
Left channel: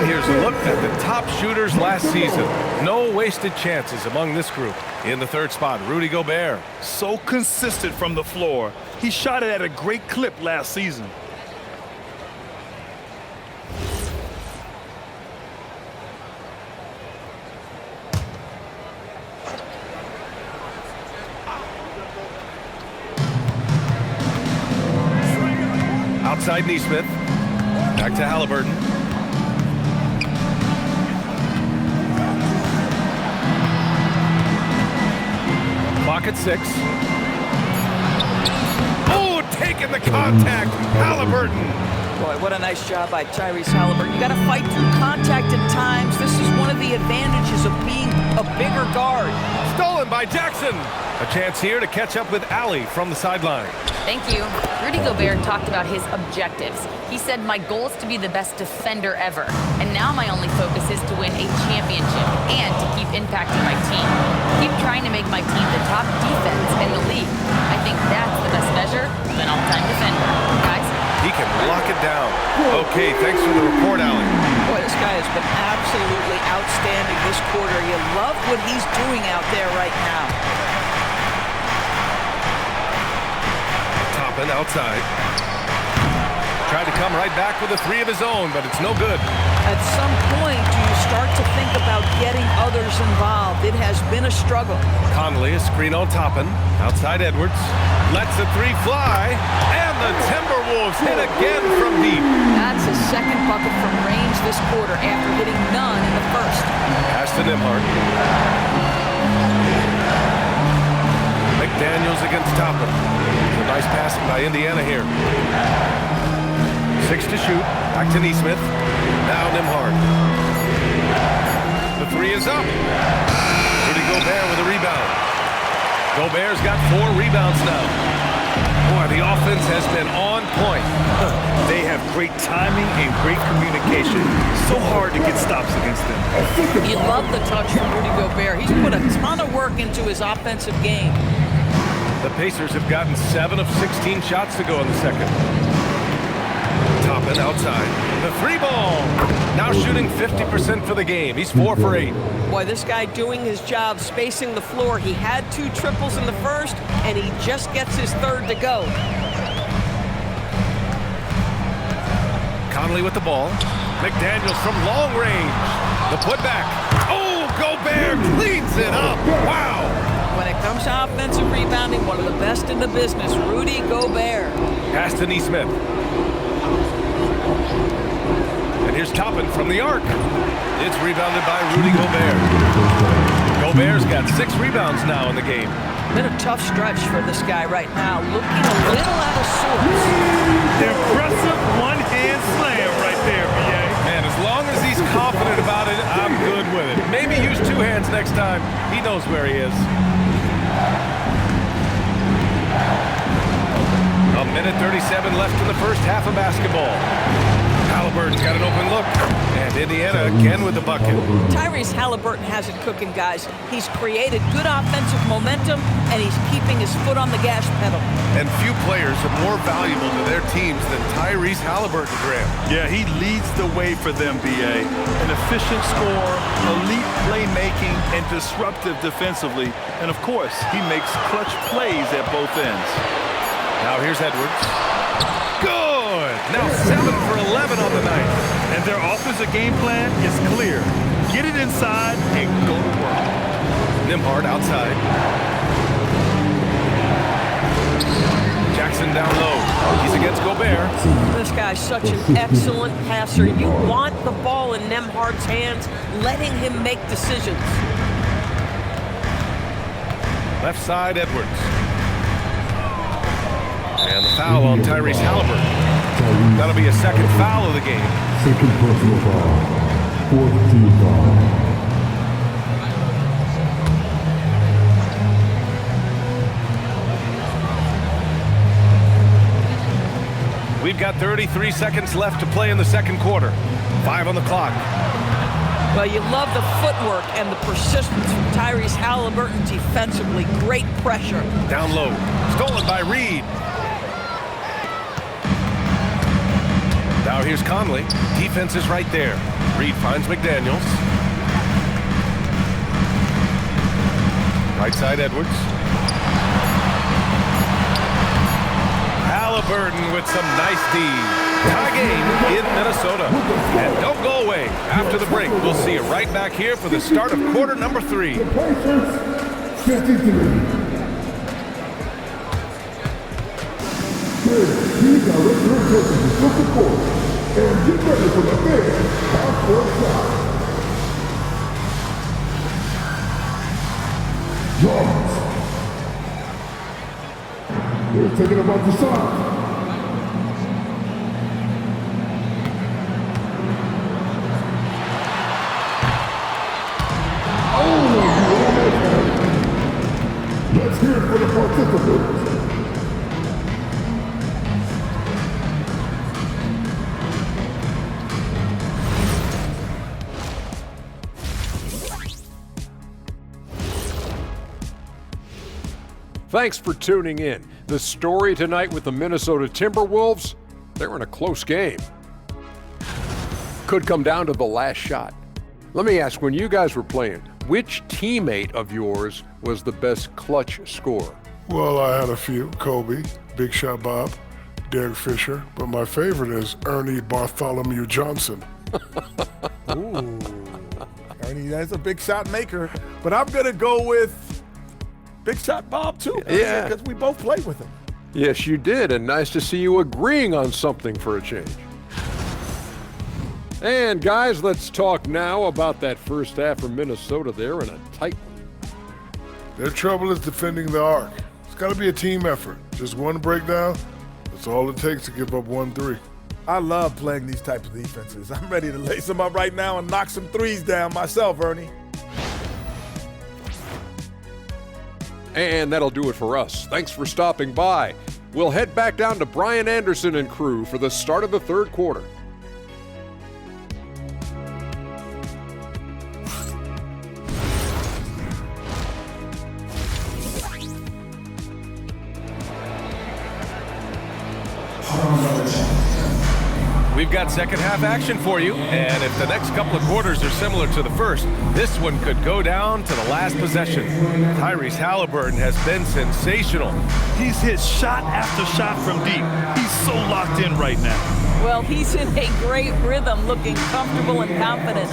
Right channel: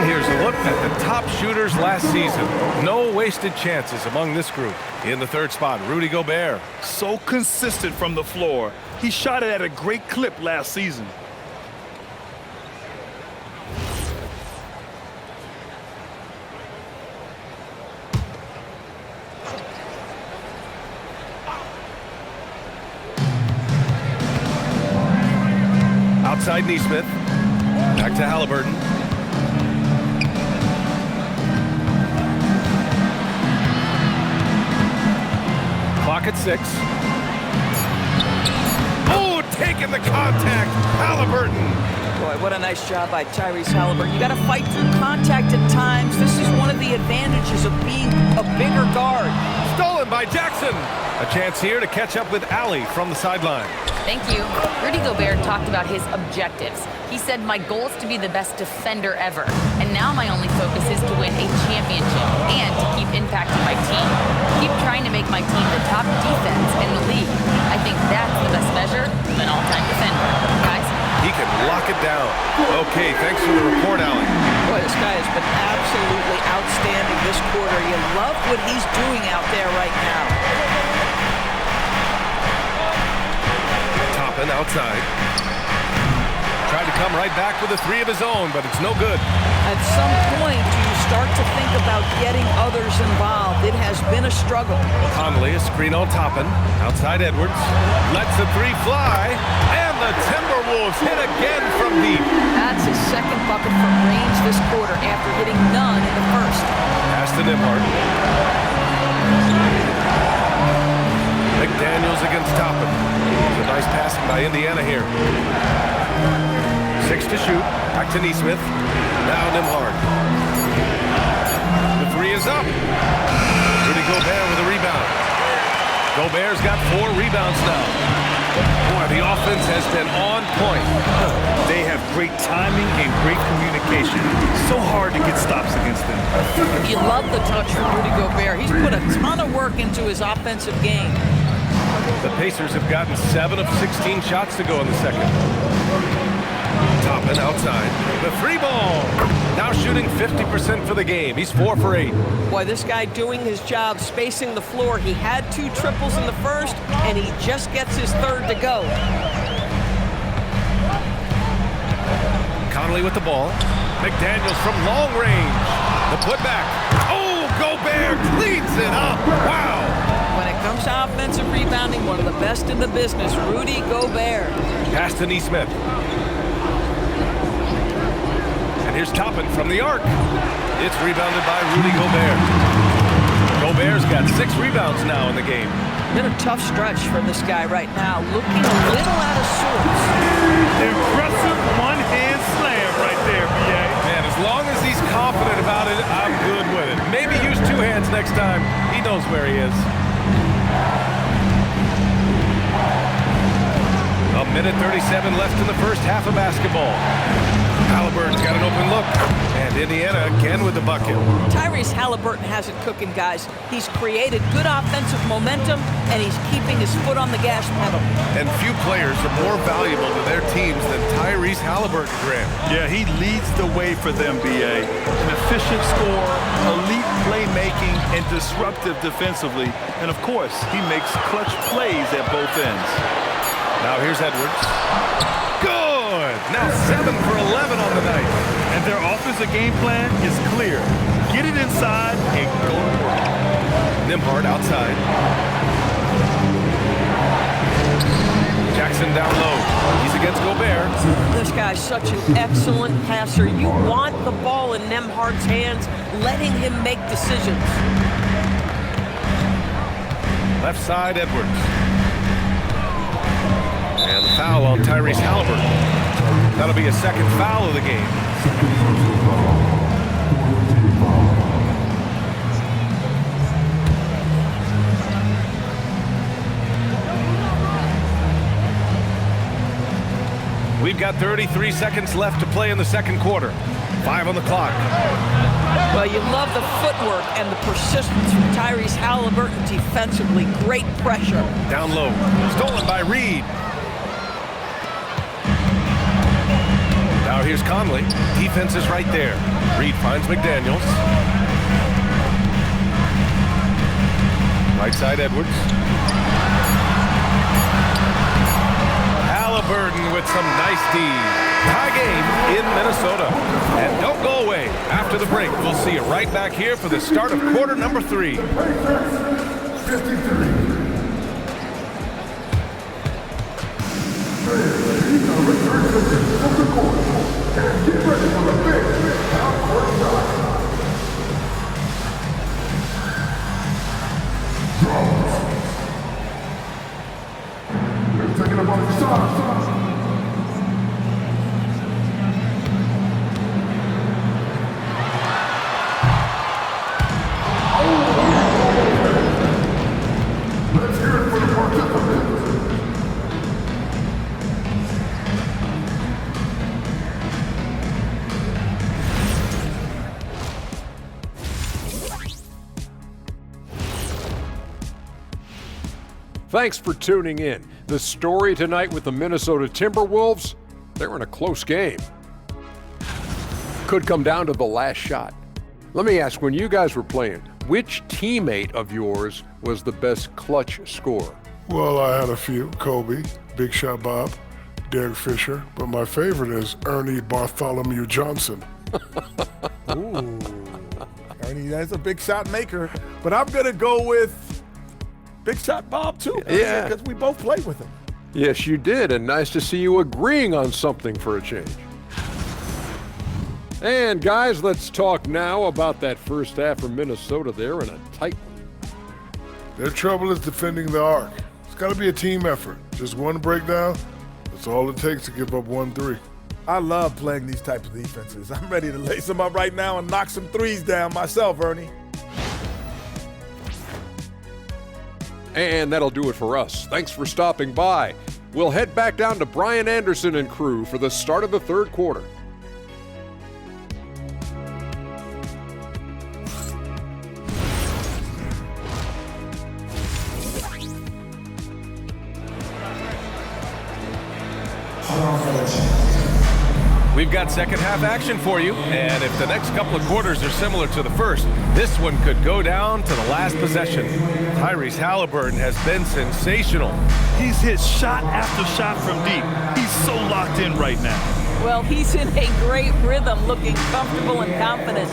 Here's a look at the top shooters last season. No wasted chances among this group. In the 3rd spot, Rudy Gobert. So consistent from the floor. He shot it at a great clip last season. Outside Neesmith. Back to Halliburton. Clock at 6. Oh, taking the contact. Halliburton. Boy, what a nice job by Tyrese Halliburton. You got to fight through contact at times. This is one of the advantages of being a bigger guard. Stolen by Jackson. A chance here to catch up with Allie from the sideline. Thank you. Rudy Gobert talked about his objectives. He said, my goal is to be the best defender ever. And now my only focus is to win a championship and to keep impacting my team. Keep trying to make my team the top defense in the league. I think that's the best measure of an all-time defender. Guys? He can lock it down. Okay, thanks for the report, Allie. Boy, this guy has been absolutely outstanding this quarter. You love what he's doing out there right now. Toppin outside. Tried to come right back with a 3 of his own, but it's no good. At some point, do you start to think about getting others involved? It has been a struggle. Conley, a screen on Toppin. Outside Edwards. Lets the 3 fly. And the Timberwolves hit again from deep. That's his second bucket from range this quarter after hitting none in the first. Pass to Nembhard. McDaniels against Toppin. It's a nice passing by Indiana here. 6 to shoot. Back to Neesmith. Now Nembhard. The 3 is up. Rudy Gobert with a rebound. Gobert's got 4 rebounds now. Boy, the offense has been on point. They have great timing and great communication. So hard to get stops against them. You love the touch from Rudy Gobert. He's put a ton of work into his offensive game. The Pacers have gotten 7 of 16 shots to go in the second. Toppin outside. The 3 ball. Now shooting 50% for the game. He's 4 for 8. Boy, this guy doing his job, spacing the floor. He had 2 triples in the first, and he just gets his 3rd to go. Conley with the ball. McDaniels from long range. The putback. Oh, Gobert cleans it up. Wow. When it comes to offensive rebounding, one of the best in the business, Rudy Gobert. Pass to Neesmith. And here's Toppin from the arc. It's rebounded by Rudy Gobert. Gobert's got 6 rebounds now in the game. Been a tough stretch for this guy right now, looking a little out of sorts. Impressive one-hand slam right there, B.A. Man, as long as he's confident about it, I'm good with it. Maybe use 2 hands next time. He knows where he is. A minute 37 left in the first half of basketball. Halliburton's got an open look. And Indiana again with the bucket. Tyrese Halliburton has it cooking, guys. He's created good offensive momentum, and he's keeping his foot on the gas pedal. And few players are more valuable to their teams than Tyrese Halliburton, Graham. Yeah, he leads the way for them, B.A. An efficient scorer, elite playmaking, and disruptive defensively. And, of course, he makes clutch plays at both ends. Now here's Edwards. Good! Now 7 for 11 on the night. And their offensive game plan is clear. Get it inside and go to work. Nembhard outside. Jackson down low. He's against Gobert. This guy's such an excellent passer. You want the ball in Nembhard's hands, letting him make decisions. Left side, Edwards. And the foul on Tyrese Halliburton. That'll be a second foul of the game. Second personal foul. 4th team foul. We've got 33 seconds left to play in the second quarter. 5 on the clock. Well, you love the footwork and the persistence from Tyrese Halliburton defensively. Great pressure. Down low. Stolen by Reed. Now here's Conley. Defense is right there. Reed finds McDaniels. Right side, Edwards. Halliburton with some nice D. Tie game in Minnesota. And don't go away. After the break, we'll see you right back here for the start of quarter number 3. Pacers, 53. Please direct your attention to the court and get ready for the big half-court shot. Drums. He's taking him off the side. Let's hear it for the participants. Thanks for tuning in. The story tonight with the Minnesota Timberwolves, they're in a close game. Could come down to the last shot. Let me ask, when you guys were playing, which teammate of yours was the best clutch scorer? Well, I had a few. Kobe, Big Shot Bob, Derek Fisher, but my favorite is Ernie Bartholomew Johnson. Ooh, Ernie, that's a big shot maker. But I'm going to go with Big Shot Bob, too. Yeah. Because we both played with him. Yes, you did, and nice to see you agreeing on something for a change. And guys, let's talk now about that first half from Minnesota. They're in a tight one. Their trouble is defending the arc. It's got to be a team effort. Just one breakdown, that's all it takes to give up 1-3. I love playing these types of defenses. I'm ready to lace them up right now and knock some threes down myself, Ernie. And that'll do it for us. Thanks for stopping by. We'll head back down to Brian Anderson and crew for the start of the third quarter. We've got second half action for you, and if the next couple of quarters are similar to the first, this one could go down to the last possession. Tyrese Halliburton has been sensational. He's hit shot after shot from deep. He's so locked in right now. Well, he's in a great rhythm, looking comfortable and confident.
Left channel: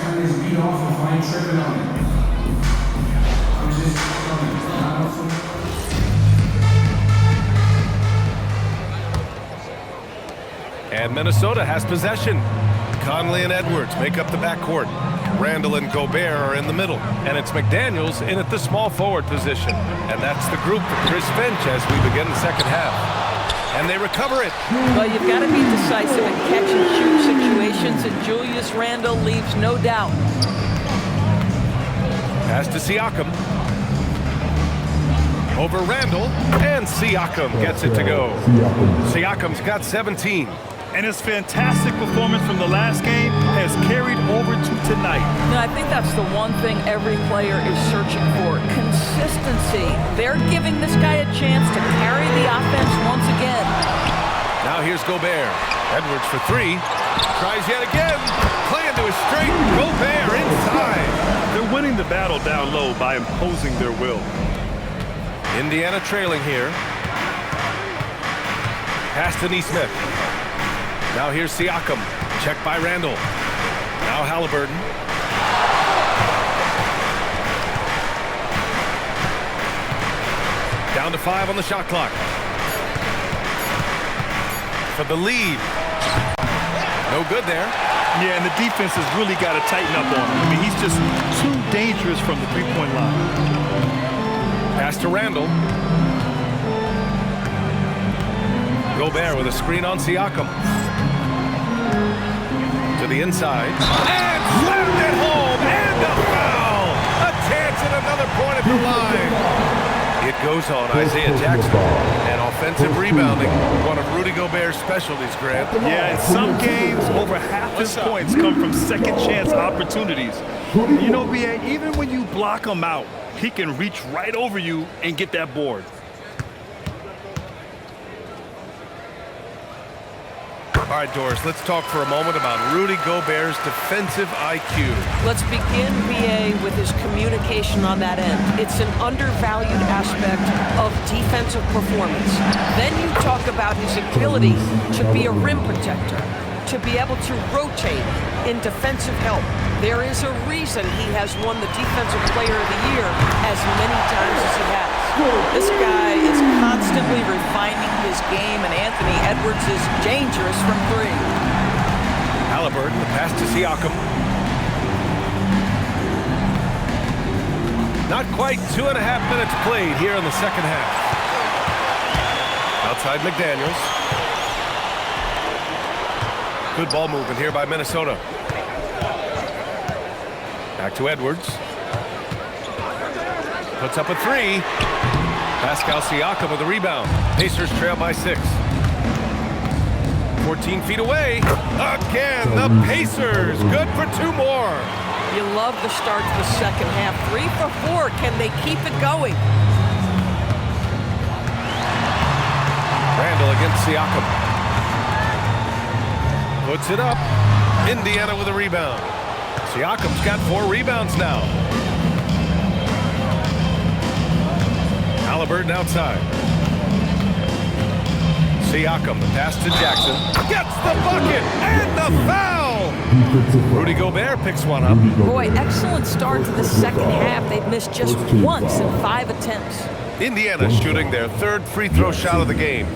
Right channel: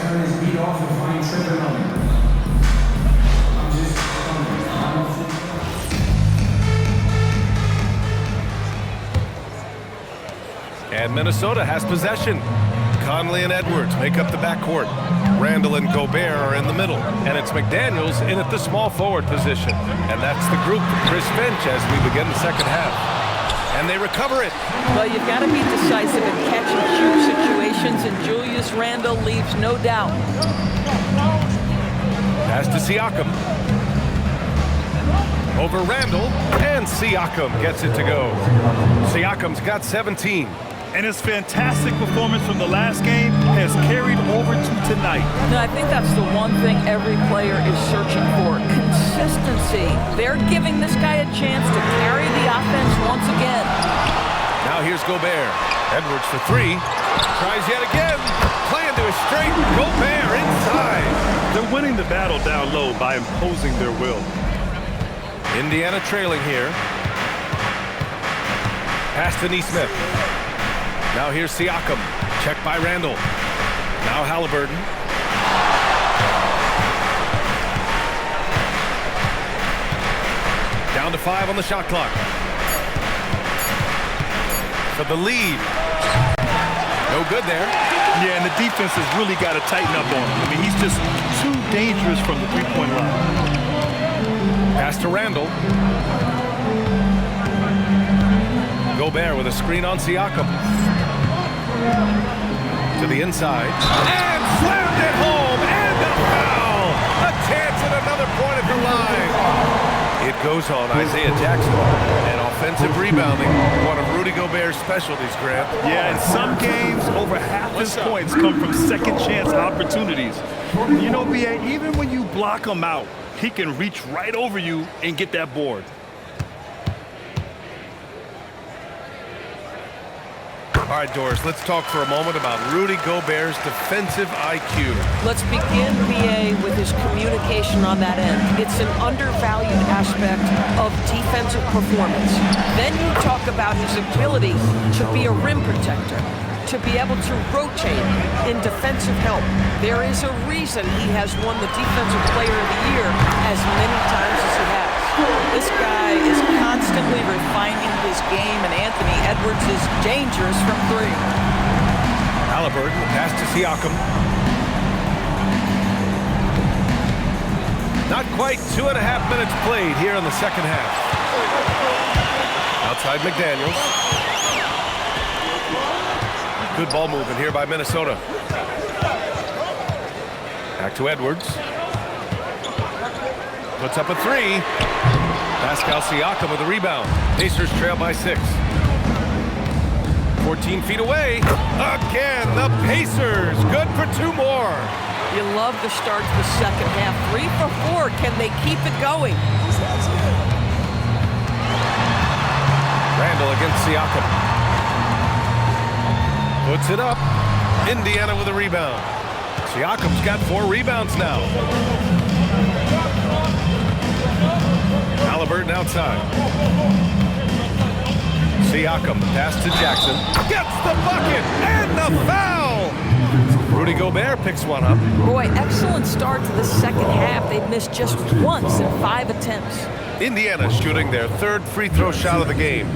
And Minnesota has possession. Conley and Edwards make up the backcourt. Randall and Gobert are in the middle. And it's McDaniels in at the small forward position. And that's the group for Chris Finch as we begin the second half. And they recover it. Well, you've got to be decisive in catch-and-shoot situations, and Julius Randle leaves no doubt. Pass to Siakam. Over Randall, and Siakam gets it to go. Siakam's got 17. And his fantastic performance from the last game has carried over to tonight. Now, I think that's the one thing every player is searching for, consistency. They're giving this guy a chance to carry the offense once again. Now here's Gobert. Edwards for three. Tries yet again. Playing to a straight. Gobert inside. They're winning the battle down low by imposing their will. Indiana trailing here. Pass to Neesmith. Now here's Siakam. Checked by Randall. Now Halliburton. Down to 5 on the shot clock. For the lead. No good there. Yeah, and the defense has really got to tighten up on him. I mean, he's just too dangerous from the three-point line. Pass to Randall. Gobert with a screen on Siakam. To the inside. And slammed it home. And a foul. A chance at another point at the line. It goes on Isaiah Jackson. And offensive rebounding, one of Rudy Gobert's specialties, Grant. Yeah, in some games, over half his points come from second chance opportunities. You know, B.A., even when you block him out, he can reach right over you and get that board. All right, Doris, let's talk for a moment about Rudy Gobert's defensive IQ. Let's begin, B.A., with his communication on that end. It's an undervalued aspect of defensive performance. Then you talk about his ability to be a rim protector, to be able to rotate in defensive help. There is a reason he has won the Defensive Player of the Year as many times as he has. This guy is constantly refining his game, and Anthony Edwards is dangerous from three. Halliburton, the pass to Siakam. Not quite 2.5 minutes played here in the second half. Outside McDaniels. Good ball movement here by Minnesota. Back to Edwards. Puts up a three. Pascal Siakam with the rebound. Pacers trail by 6. 14 feet away. Again, the Pacers. Good for 2 more. You love the start to the second half. 3 for 4. Can they keep it going? Randall against Siakam. Puts it up. Indiana with a rebound. Siakam's got 4 rebounds now. Halliburton outside. Siakam, the pass to Jackson. Gets the bucket and the foul! Rudy Gobert picks one up. Boy, excellent start to the second half. They've missed just once in 5 attempts. Indiana shooting their 3rd free throw shot of the game.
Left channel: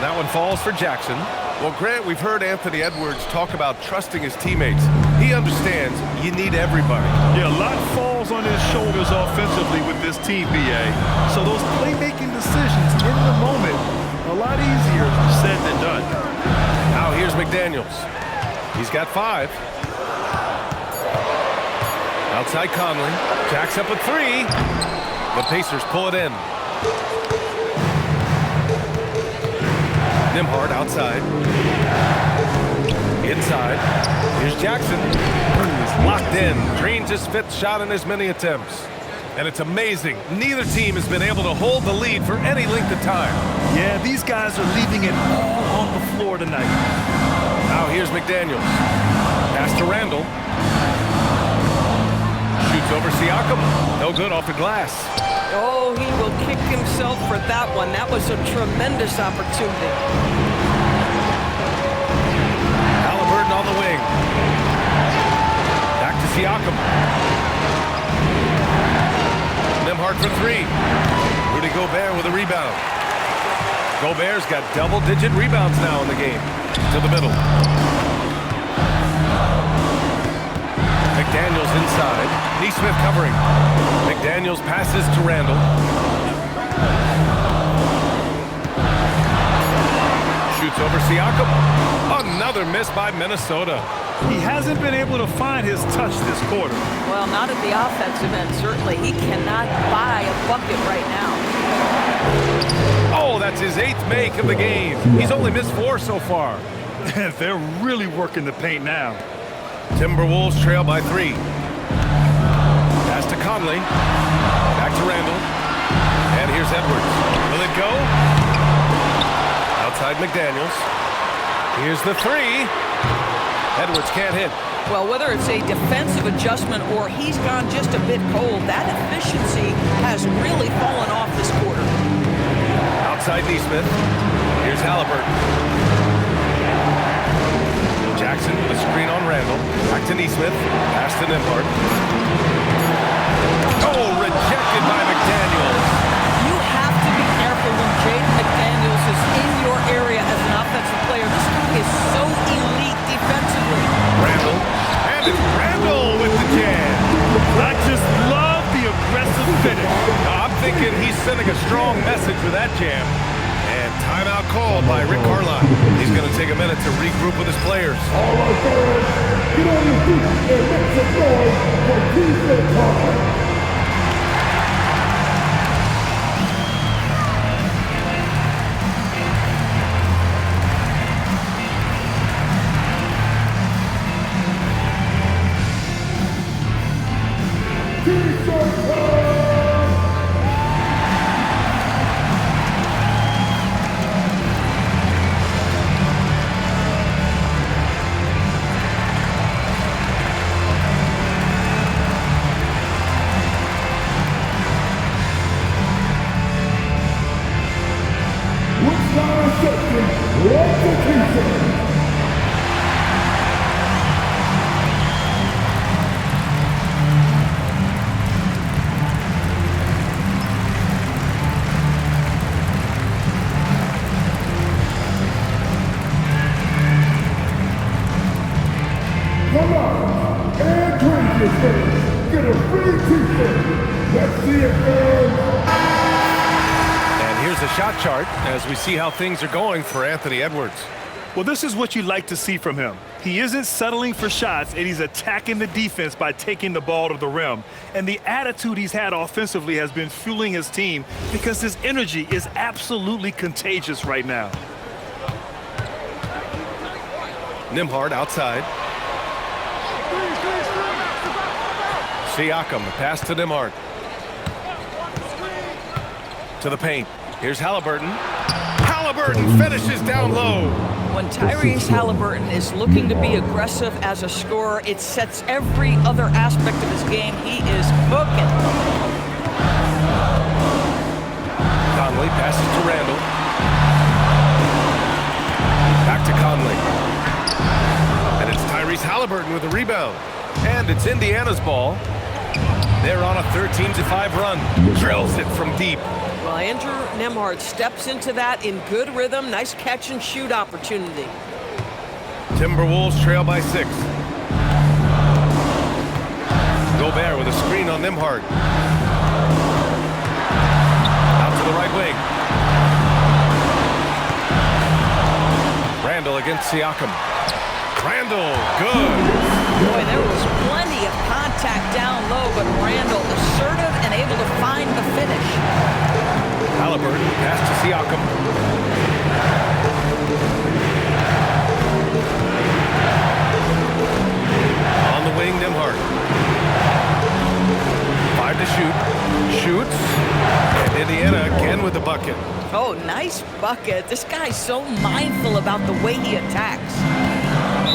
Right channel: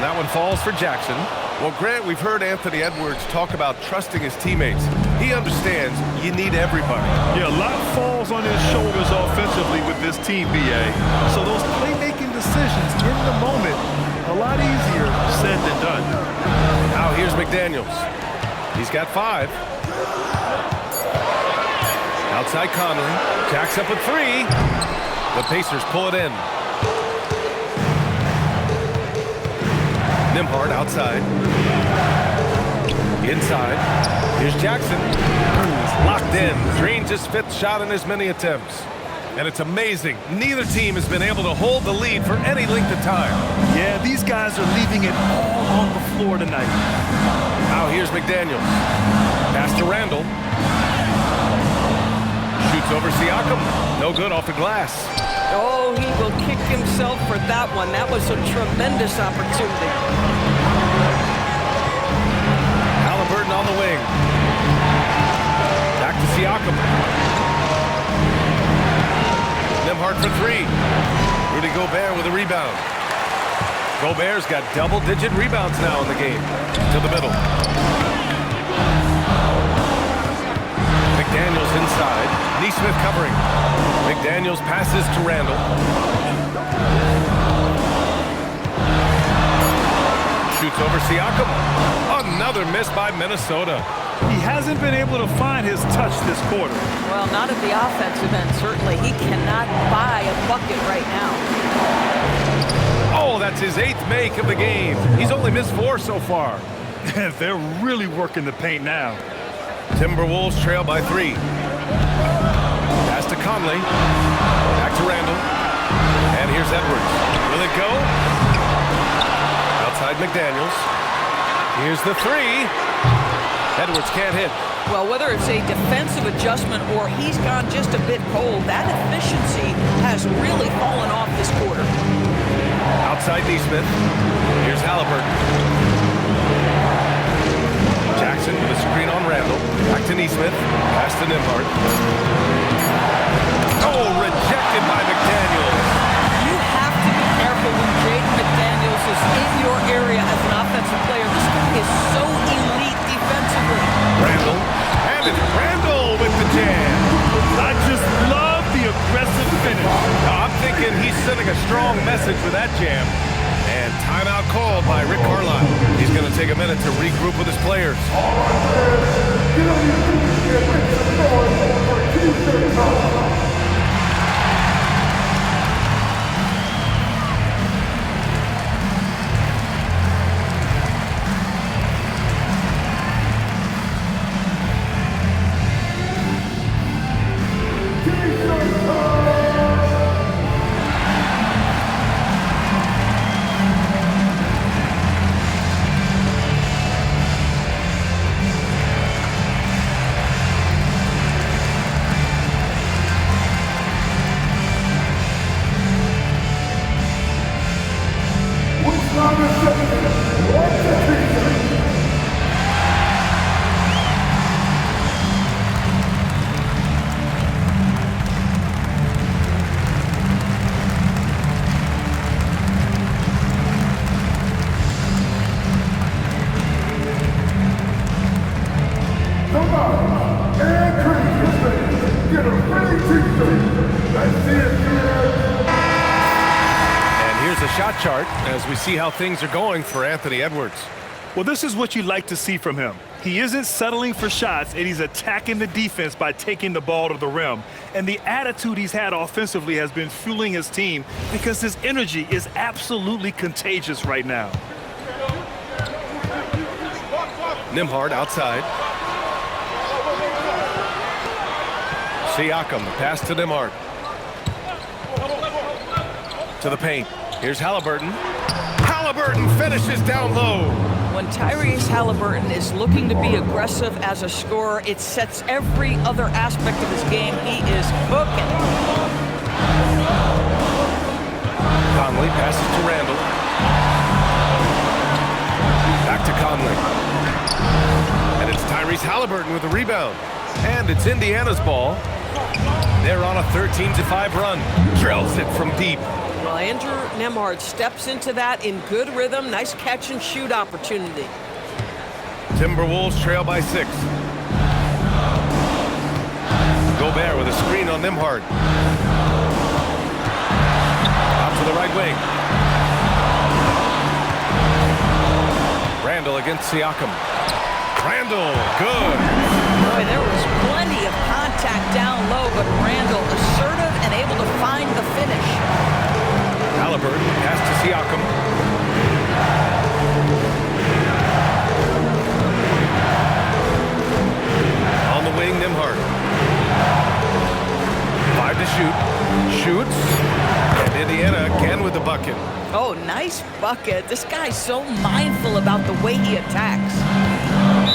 That one falls for Jackson. Well, Grant, we've heard Anthony Edwards talk about trusting his teammates. He understands you need everybody. Yeah, a lot falls on his shoulders offensively with this team, BA. So those playmaking decisions in the moment, a lot easier said than done. Now here's McDaniels. He's got 5. Outside Conley. Jacks up a 3. The Pacers pull it in. Nembhard outside. Inside. Here's Jackson. He's locked in. Drains his 5th shot in as many attempts. And it's amazing. Neither team has been able to hold the lead for any length of time. Yeah, these guys are leaving it all on the floor tonight. Now here's McDaniels. Pass to Randall. Shoots over Siakam. No good off the glass. Oh, he will kick himself for that one. That was a tremendous opportunity. Halliburton on the wing. Back to Siakam. Nembhard for 3. Rudy Gobert with a rebound. Gobert's got double-digit rebounds now in the game. To the middle. McDaniels inside. Nesmith covering. McDaniels passes to Randall. Shoots over Siakam. Another miss by Minnesota. He hasn't been able to find his touch this quarter. Well, not at the offensive end, certainly. He cannot buy a bucket right now. Oh, that's his 8th make of the game. He's only missed 4 so far. They're really working the paint now. Timberwolves trail by 3. Pass to Conley. Back to Randall. And here's Edwards. Will it go? Outside McDaniels. Here's the 3. Edwards can't hit. Well, whether it's a defensive adjustment or he's gone just a bit cold, that efficiency has really fallen off this quarter. Outside Nesmith. Here's Halliburton. Jackson with a screen on Randall. Back to Nesmith. Pass to Nembhard. Oh, rejected by McDaniels. You have to be careful when Jaden McDaniels is in your area as an offensive player. This guy is so elite defensively. Randall. And it's Randall with the jam. I just love the aggressive finish. I'm thinking he's sending a strong message with that jam. And timeout called by Rick Carlisle. He's going to take a minute to regroup with his players. All right, fans, get on your feet and make some noise for TJ Thomas. Let's see it, fans. And here's a shot chart as we see how things are going for Anthony Edwards. Well, this is what you like to see from him. He isn't settling for shots, and he's attacking the defense by taking the ball to the rim. And the attitude he's had offensively has been fueling his team because his energy is absolutely contagious right now. Nembhard outside. Siakam, the pass to Nembhard. To the paint. Here's Halliburton. Halliburton finishes down low. When Tyrese Halliburton is looking to be aggressive as a scorer, it sets every other aspect of his game. He is cooking. Conley passes to Randall. Back to Conley. And it's Tyrese Halliburton with a rebound. And it's Indiana's ball. They're on a 13-5 run. Drills it from deep. Well, Andrew Nembhard steps into that in good rhythm. Nice catch and shoot opportunity. Timberwolves trail by 6. Gobert with a screen on Nembhard. Out to the right wing. Randall against Siakam. Randall, good. Boy, there was plenty of contact down low, but Randall assertive and able to find the finish. Halliburton, pass to Siakam. On the wing, Nembhard. 5 to shoot. Shoots. And Indiana again with the bucket. Oh, nice bucket. This guy's so mindful about the way he attacks.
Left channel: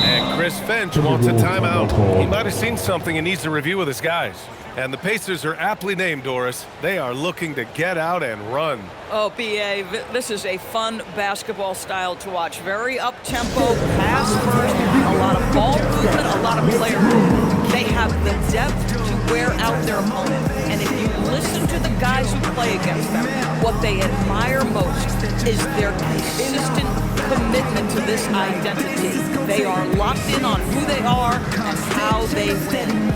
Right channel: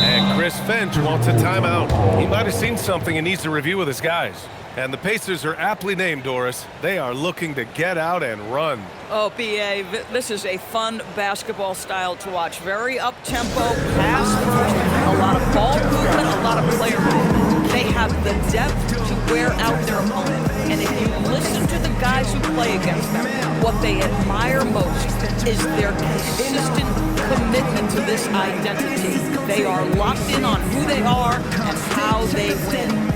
And Chris Finch wants a timeout. He might have seen something and needs to review with his guys. And the Pacers are aptly named, Doris. They are looking to get out and run. Oh, B.A., this is a fun basketball style to watch. Very up-tempo, pass first, a lot of ball movement, a lot of player movement. They have the depth to wear out their opponent. And if you listen to the guys who play against them, what they admire most is their consistent commitment to this identity. They are locked in on who they are and how they win.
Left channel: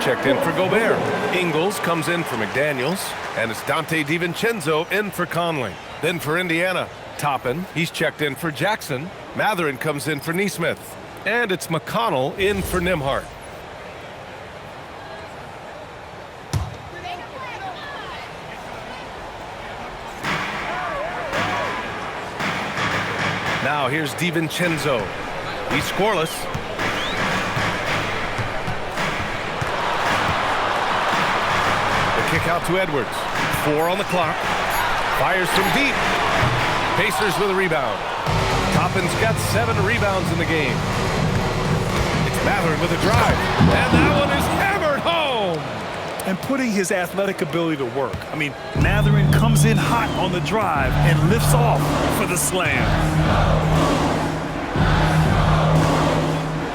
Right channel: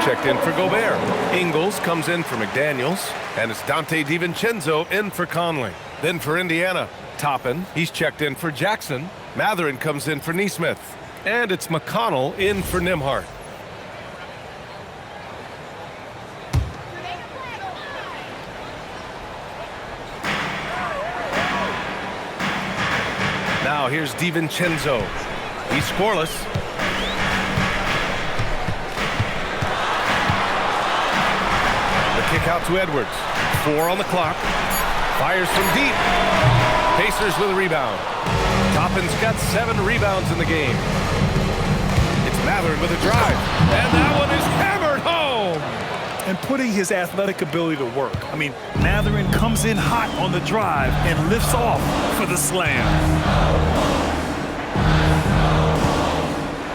Checked in for Gobert. Ingles comes in for McDaniels. And it's Dante DiVincenzo in for Conley. Then for Indiana, Toppin. He's checked in for Jackson. Mathurin comes in for Nesmith. And it's McConnell in for Nembhard. Now here's DiVincenzo. He's scoreless. Kick out to Edwards. 4 on the clock. Fires from deep. Pacers with a rebound. Toppin's got 7 rebounds in the game. It's Mathurin with a drive. And that one is hammered home. And putting his athletic ability to work. I mean, Mathurin comes in hot on the drive and lifts off for the slam.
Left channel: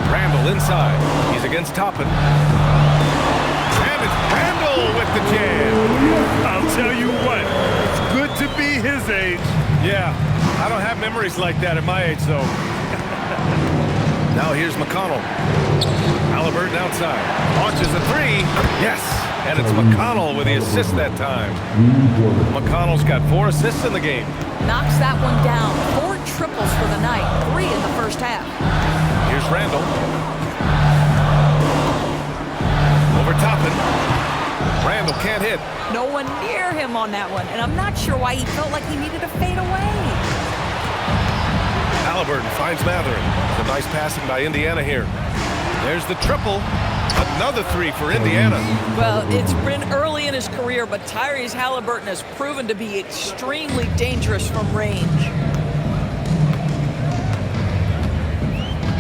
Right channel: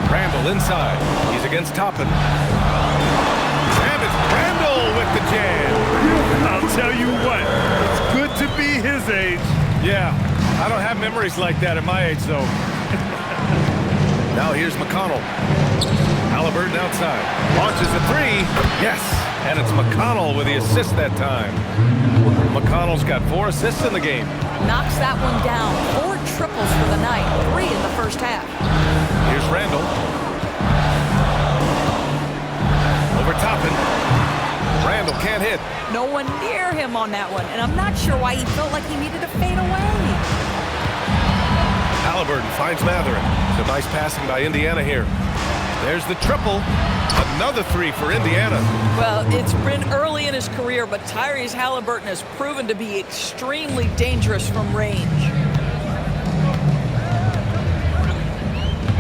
Randall inside. He's against Toppin. And it's Randall with the jam. I'll tell you what, it's good to be his age. Yeah, I don't have memories like that at my age, though. Now here's McConnell. Halliburton outside. Launches a 3. Yes, and it's McConnell with the assist that time. McConnell's got 4 assists in the game. Knocks that one down. 4 triples for the night. 3 in the first half. Here's Randall. Over Toppin. Randall can't hit. No one near him on that one, and I'm not sure why he felt like he needed to fade away. Halliburton finds Matherin. Some nice passing by Indiana here. There's the triple. Another three for Indiana. Well, it's been early in his career, but Tyrese Halliburton has proven to be extremely dangerous from range.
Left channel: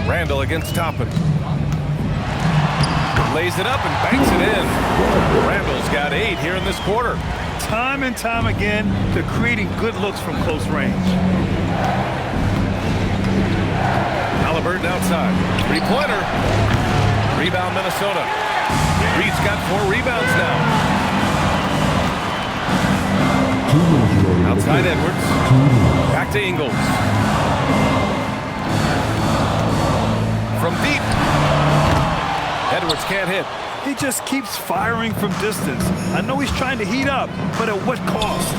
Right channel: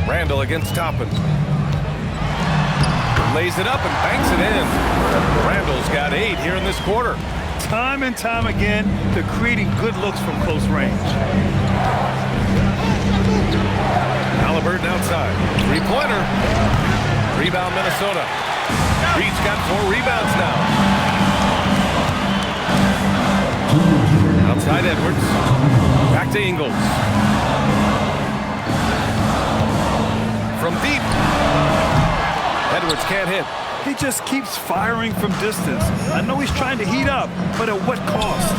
Randall against Toppin. Lays it up and banks it in. Randall's got 8 here in this quarter. Time and time again, they're creating good looks from close range. Halliburton outside. Three-pointer. Rebound Minnesota. Reed's got 4 rebounds now. Outside Edwards. Back to Ingles. From deep. Edwards can't hit. He just keeps firing from distance. I know he's trying to heat up, but at what cost?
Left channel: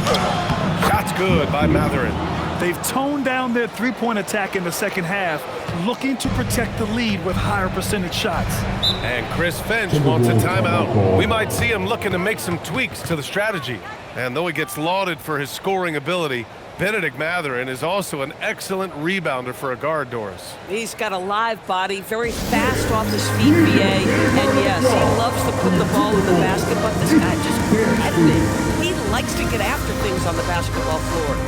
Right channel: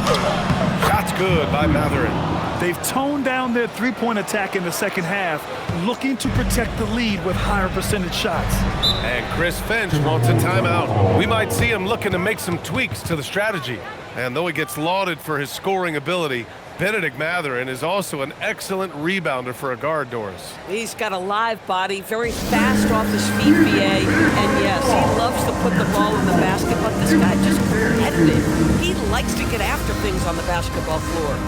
Shot's good by Matherin. They've toned down their three-point attack in the second half, looking to protect the lead with higher percentage shots. And Chris Finch wants a timeout. We might see him looking to make some tweaks to the strategy. And though he gets lauded for his scoring ability, Benedict Matherin is also an excellent rebounder for a guard, Doris. He's got a live body, very fast off his feet, BA. And yes, he loves to put the ball in the basket, but this guy just competitive. He likes to get after things on the basketball floor.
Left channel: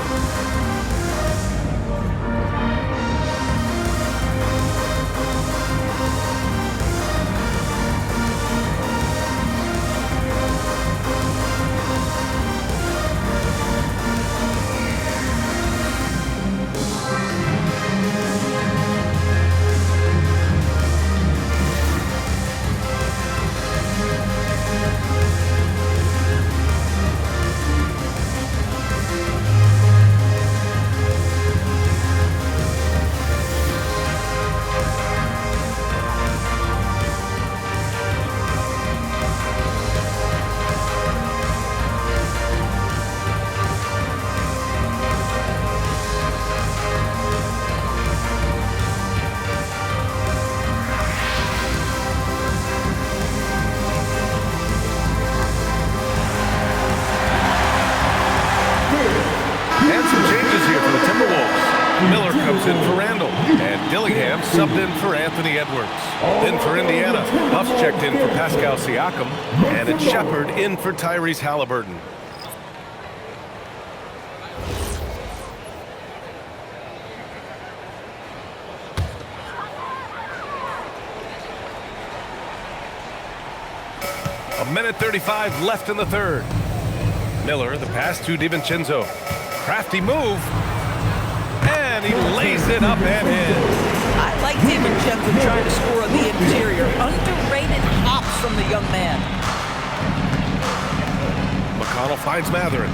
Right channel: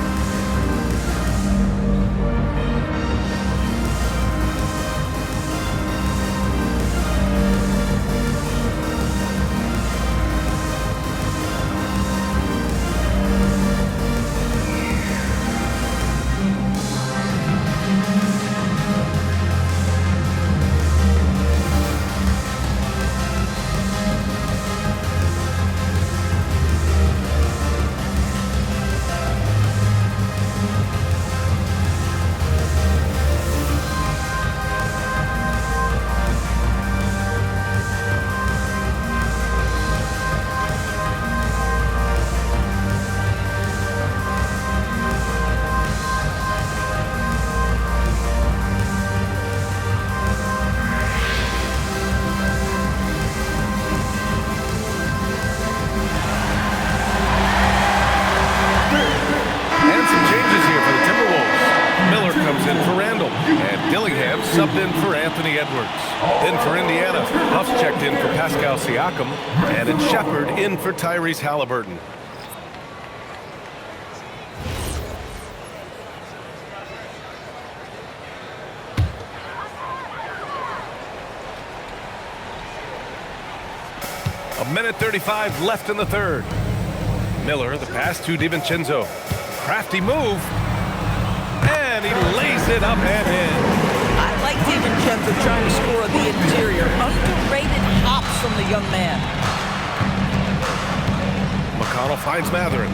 And some changes here for the Timberwolves. Miller comes in for Randall, and Dillingham subbed in for Anthony Edwards. Then for Indiana, Huff's checked in for Pascal Siakam, and it's Shepard in for Tyrese Halliburton. A minute 35 left in the third. Miller, the pass to DiVincenzo. Crafty move. And he lays it up and in. I like DiVincenzo trying to score on the interior. Underrated hops from the young man. McConnell finds Matherin.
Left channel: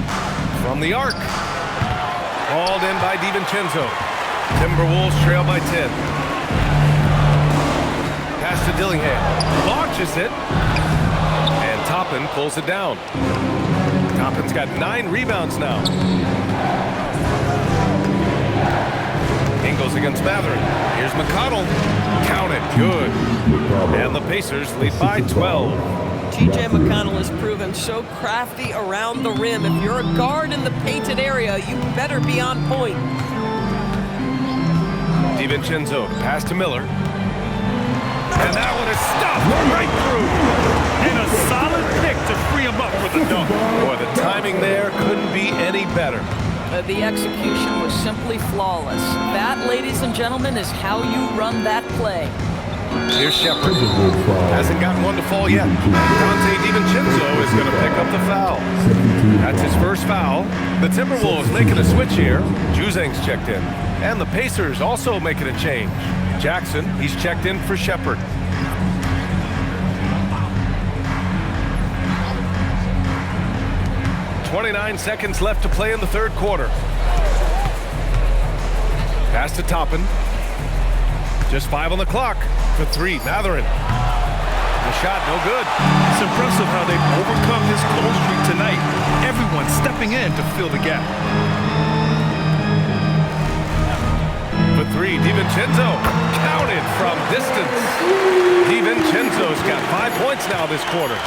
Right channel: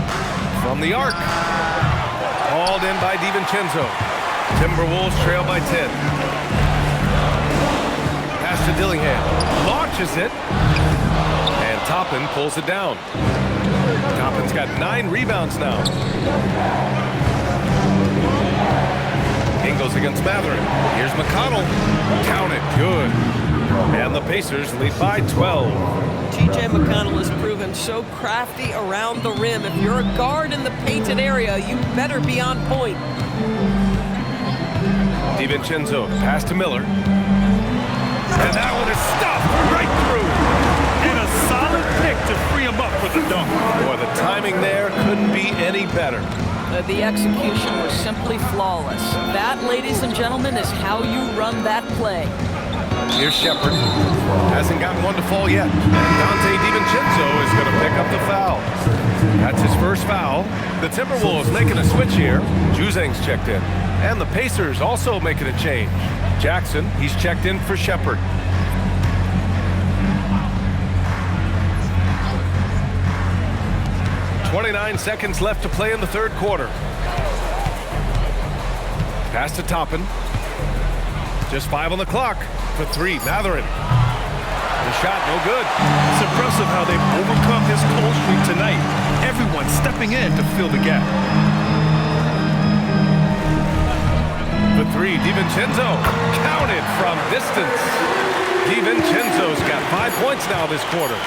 From the arc. Hauled in by DiVincenzo. Timberwolves trail by 10. Pass to Dillingham. Launches it. And Toppin pulls it down. Toppin's got 9 rebounds now. Ingles against Matherin. Here's McConnell. Count it. Good. And the Pacers lead by 12. TJ McConnell has proven so crafty around the rim. If you're a guard in the painted area, you better be on point. DiVincenzo, pass to Miller. And that one is stuffed right through. And a solid pick to free him up for the dunk. Boy, the timing there couldn't be any better. The execution was simply flawless. That, ladies and gentlemen, is how you run that play. Here's Shepard. Hasn't gotten one to fall yet. And Dante DiVincenzo is going to pick up the foul. That's his first foul. The Timberwolves making a switch here. Juzang's checked in. And the Pacers also making a change. Jackson, he's checked in for Shepard. .29 seconds left to play in the third quarter. Pass to Toppin. Just 5 on the clock. For 3, Matherin. The shot, no good. It's impressive how they've overcome his cold streak tonight. Everyone stepping in to fill the gap. For 3, DiVincenzo. Counted from distance. DiVincenzo's got 5 points now this quarter.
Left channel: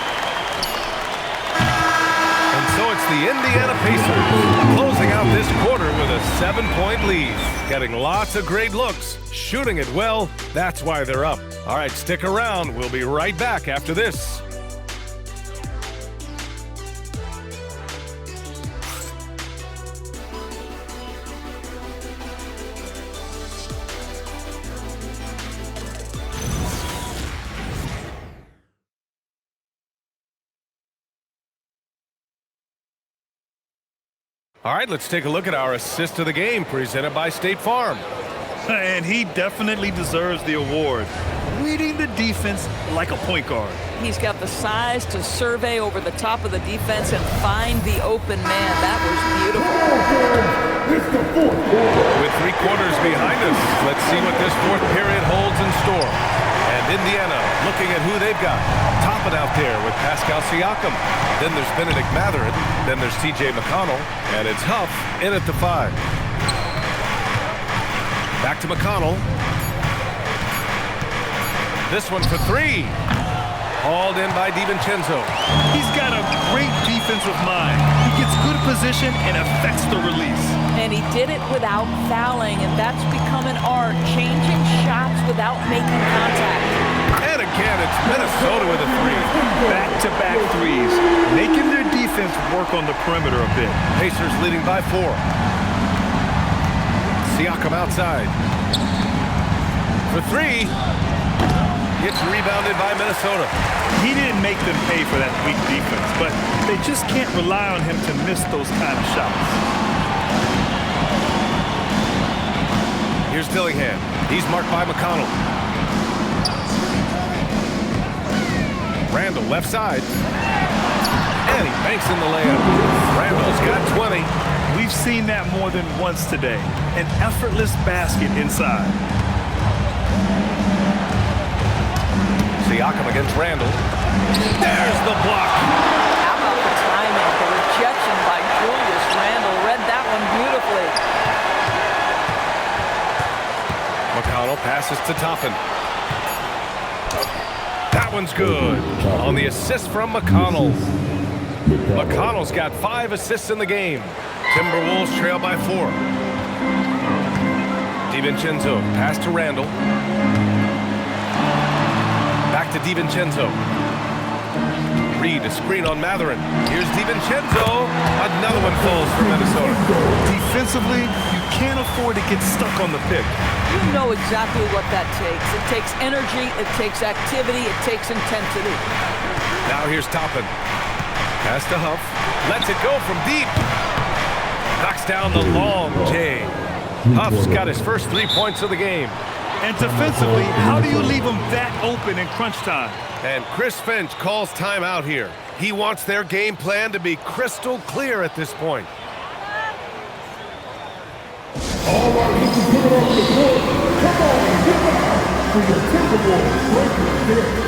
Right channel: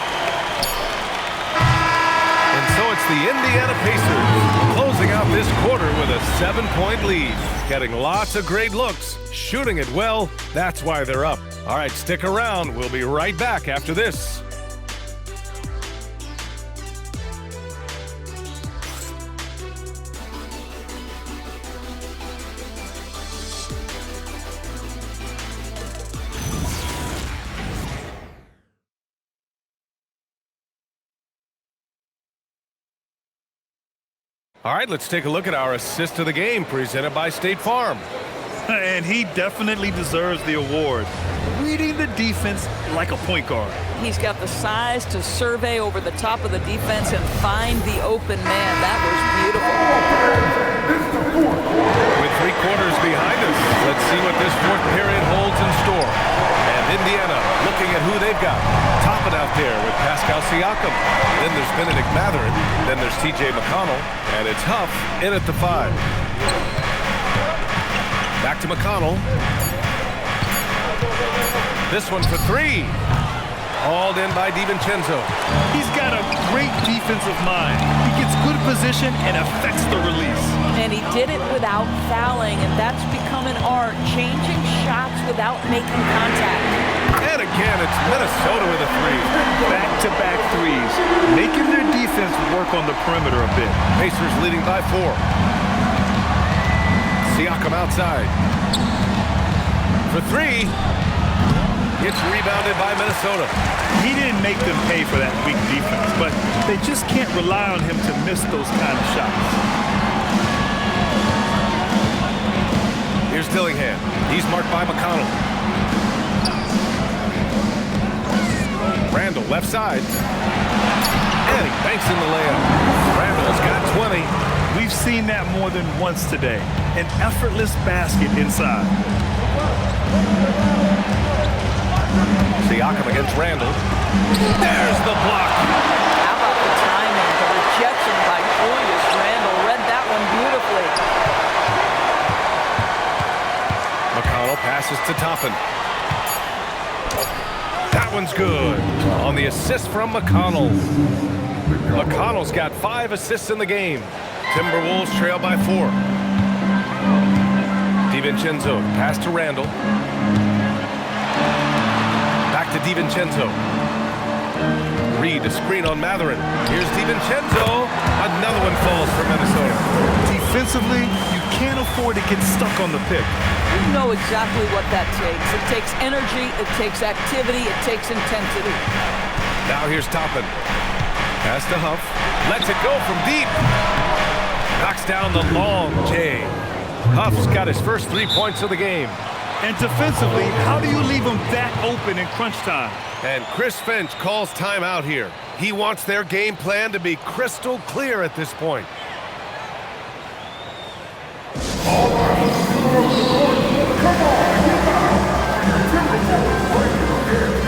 And so it's the Indiana Pacers closing out this quarter with a 7-point lead. Getting lots of great looks, shooting it well. That's why they're up. All right, stick around. We'll be right back after this. All right, let's take a look at our assist of the game presented by State Farm. And he definitely deserves the award. Reading the defense like a point guard. He's got the size to survey over the top of the defense and find the open man. That was beautiful. It's the fourth quarter. With 3 quarters behind us, let's see what this fourth period holds in store. And Indiana looking at who they've got. Topping out there with Pascal Siakam. Then there's Benedict Mathurin. Then there's TJ McConnell. And it's Huff in at the 5. Back to McConnell. This one for 3. Hauled in by DiVincenzo. He's got a great defensive mind. He gets good position and affects the release. And he did it without fouling, and that's become an art, changing shots without making contact. And again, it's Minnesota with a 3. Back-to-back threes, making their defense work on the perimeter a bit. Pacers leading by 4. Siakam outside. For 3. It's rebounded by Minnesota. He didn't make them pay for that weak defense, but they just can't rely on him to miss those kind of shots. Here's Dillingham. He's marked by McConnell. Randall left side. And he banks in the layup. Randall's got 20. We've seen that more than once today. An effortless basket inside. Siakam against Randall. There's the block. How about the timing, the rejection by Julius Randle? Read that one beautifully. McConnell passes to Toppin. That one's good. On the assist from McConnell. McConnell's got 5 assists in the game. Timberwolves trail by 4. DiVincenzo pass to Randall. Back to DiVincenzo. Reed, a screen on Mathurin. Here's DiVincenzo. Another one falls for Minnesota. Defensively, you can't afford to get stuck on the pick. You know exactly what that takes. It takes energy, it takes activity, it takes intensity. Now here's Toppin. Pass to Huff. Lets it go from deep. Knocks down the long J. Huff's got his first 3 points of the game. And defensively, how do you leave them that open in crunch time? And Chris Finch calls timeout here. He wants their game plan to be crystal clear at this point. All our people come off the court. Come on and get out for your Timberwolves breaking their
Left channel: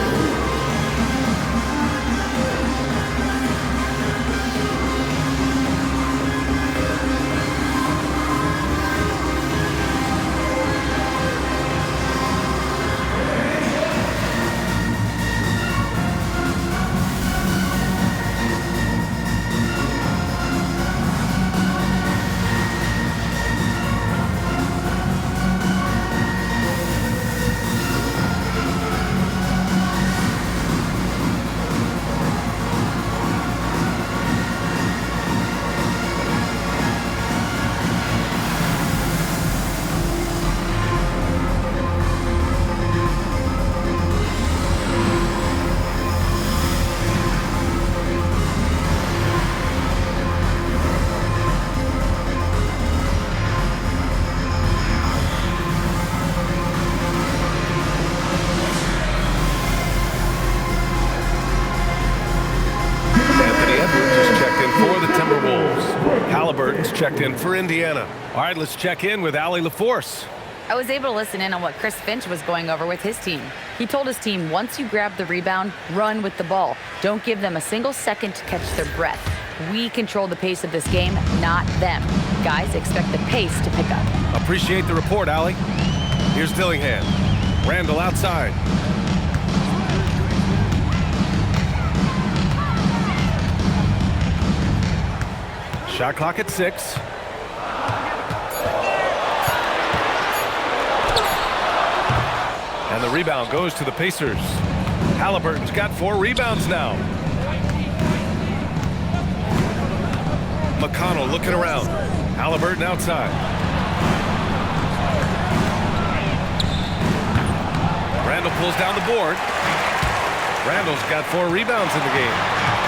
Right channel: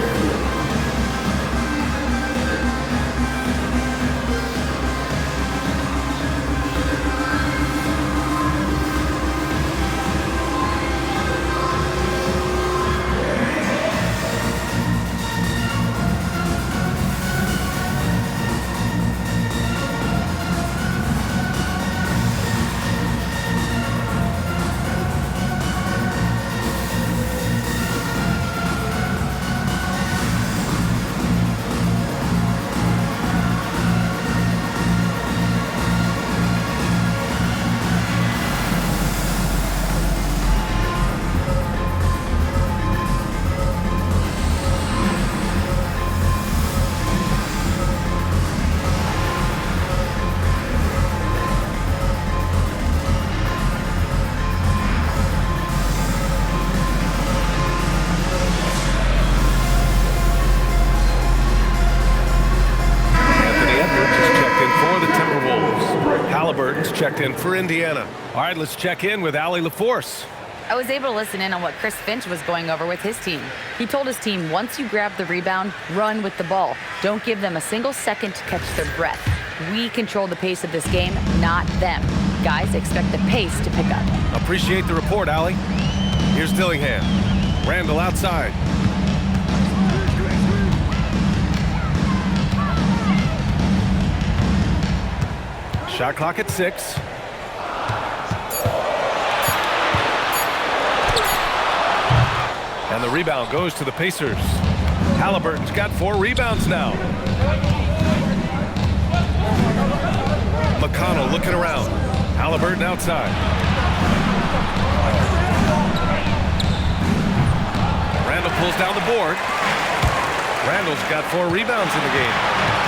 For the Timberwolves. Halliburton's checked in for Indiana. All right, let's check in with Allie LaForce. I was able to listen in on what Chris Finch was going over with his team. He told his team, once you grab the rebound, run with the ball. Don't give them a single second to catch their breath. We control the pace of this game, not them. Guys, expect the pace to pick up. Appreciate the report, Allie. Here's Dillingham. Randall outside. Shot clock at 6. And the rebound goes to the Pacers. Halliburton's got 4 rebounds now. McConnell looking around. Halliburton outside. Randall pulls down the board. Randall's got 4 rebounds in the game.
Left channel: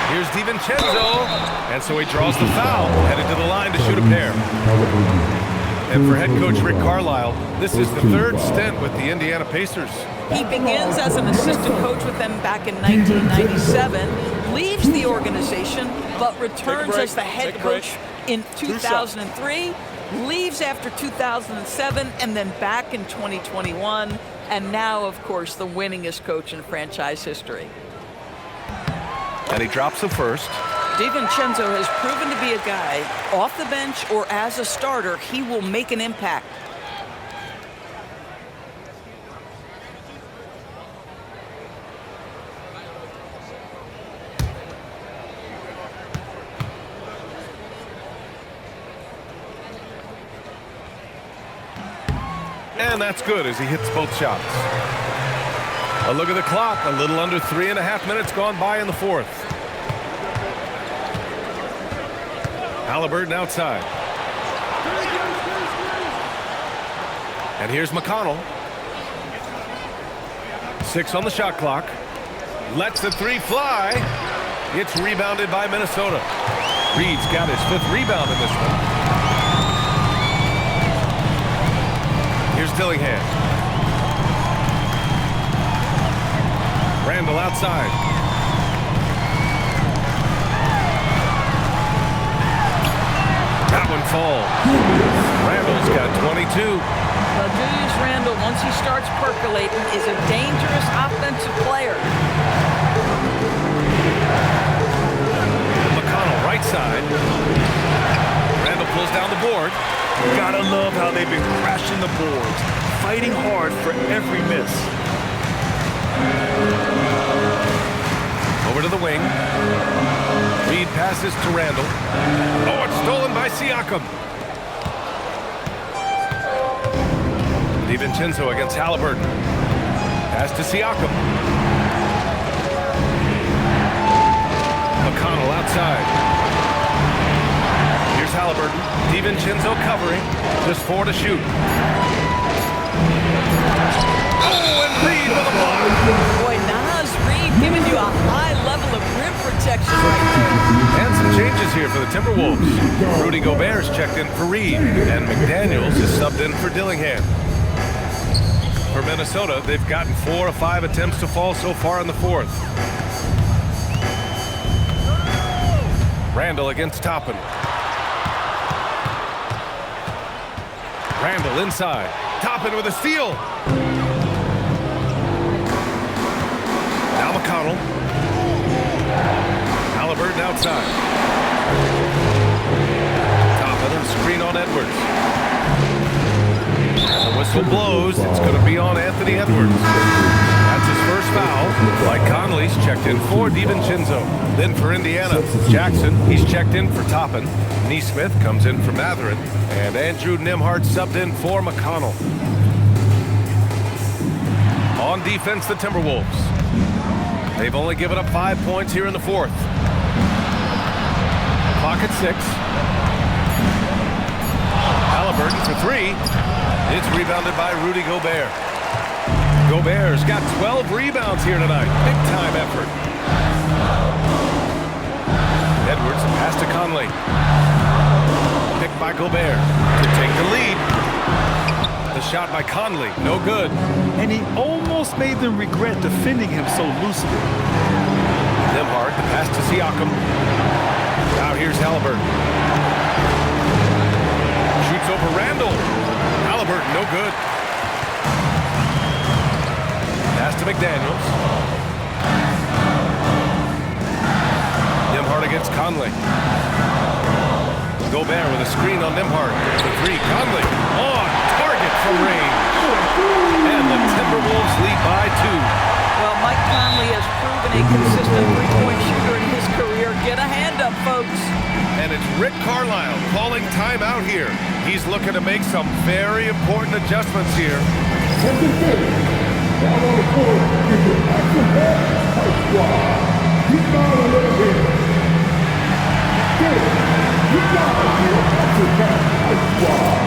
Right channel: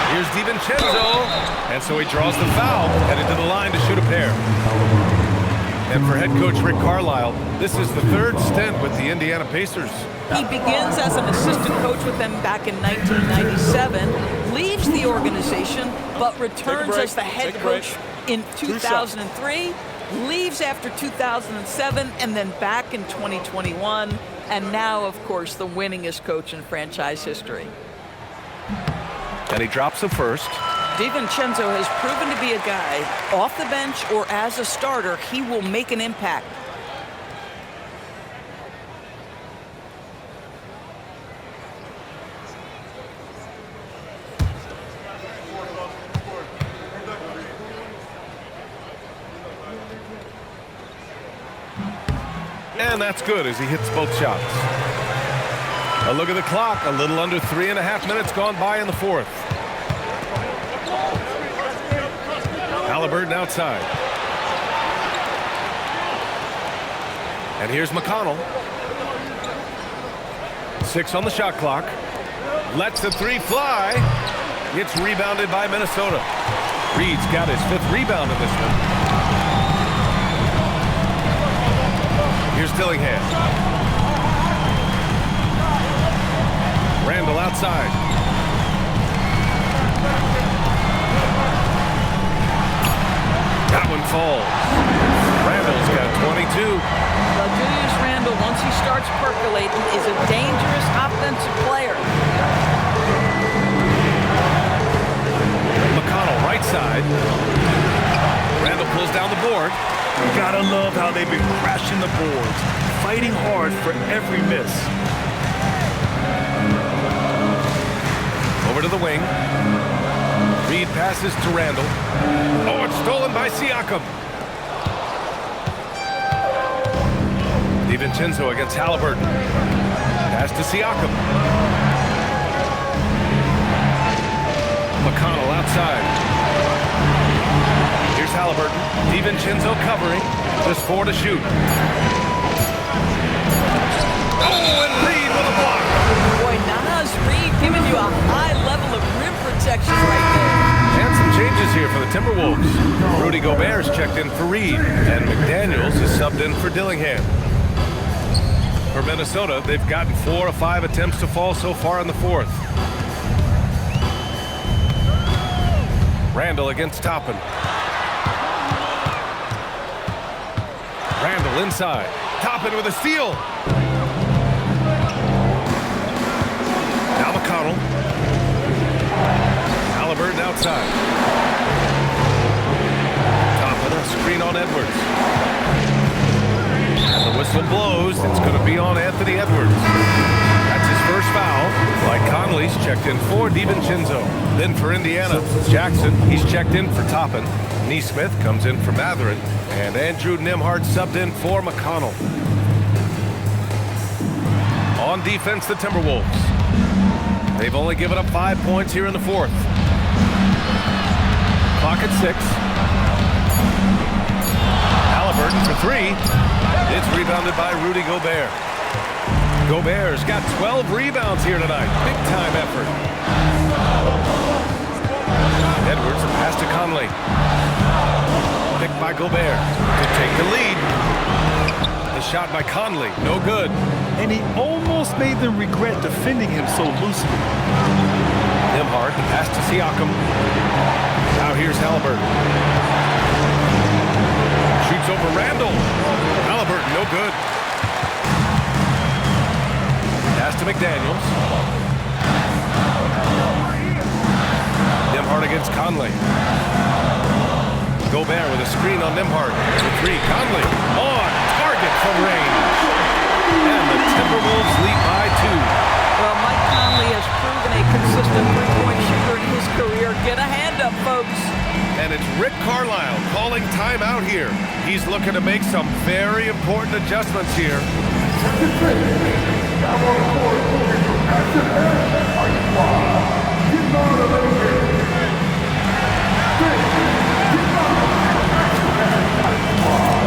Here's DiVincenzo. And so he draws the foul, headed to the line to shoot a pair. And for head coach Rick Carlisle, this is the 3rd stint with the Indiana Pacers. He begins as an assistant coach with them back in 1997, leaves the organization, but returns as the head coach in 2003, leaves after 2007, and then back in 2021, and now, of course, the winningest coach in franchise history. And he drops the first. DiVincenzo has proven to be a guy, off the bench or as a starter, he will make an impact. And that's good as he hits both shots. A look at the clock, a little under 3.5 minutes gone by in the 4th. Halliburton outside. And here's McConnell. 6 on the shot clock. Lets the 3 fly. It's rebounded by Minnesota. Reed's got his 5th rebound in this one. Here's Dillingham. Randall outside. That one falls. Randall's got 22. Well, Julius Randle, once he starts percolating, is a dangerous offensive player. McConnell right side. Randall pulls down the board. You gotta love how they've been crashing the boards, fighting hard for every miss. Over to the wing. Reed passes to Randall. Oh, it's stolen by Siakam. DiVincenzo against Halliburton. Pass to Siakam. McConnell outside. Here's Halliburton. DiVincenzo covering. Just 4 to shoot. Oh, and Reed with a block. Boy, Naz Reed giving you a high level of rim protection right there. And some changes here for the Timberwolves. Rudy Gobert's checked in for Reed, and McDaniels is subbed in for Dillingham. For Minnesota, they've gotten 4 of 5 attempts to fall so far in the 4th. Randall against Toppin. Randall inside. Toppin with a steal. Now McConnell. Halliburton outside. Toppin, a screen on Edwards. And the whistle blows. It's going to be on Anthony Edwards. That's his first foul. Mike Conley's checked in for DiVincenzo. Then for Indiana, Jackson, he's checked in for Toppin. Neesmith comes in for Matherin. And Andrew Nembhard subbed in for McConnell. On defense, the Timberwolves. They've only given up 5 points here in the 4th. Clock at 6. Halliburton for 3. It's rebounded by Rudy Gobert. Gobert's got 12 rebounds here tonight. Big time effort. Edwards, a pass to Conley. Picked by Gobert to take the lead. The shot by Conley, no good. And he almost made them regret defending him so loosely. Nembhard, the pass to Siakam. Now here's Halliburton. Shoots over Randall. Halliburton, no good. Pass to McDaniels. Nembhard against Conley. Gobert with a screen on Nembhard. For 3, Conley on target from range. And the Timberwolves lead by 2. Well, Mike Conley has proven a consistent three-point shooter in his career. Get a hand up, folks. And it's Rick Carlisle calling timeout here. He's looking to make some very important adjustments here. Second finish. Now on the court is your active head high squad. Get down a little bit. Get down your active head high squad.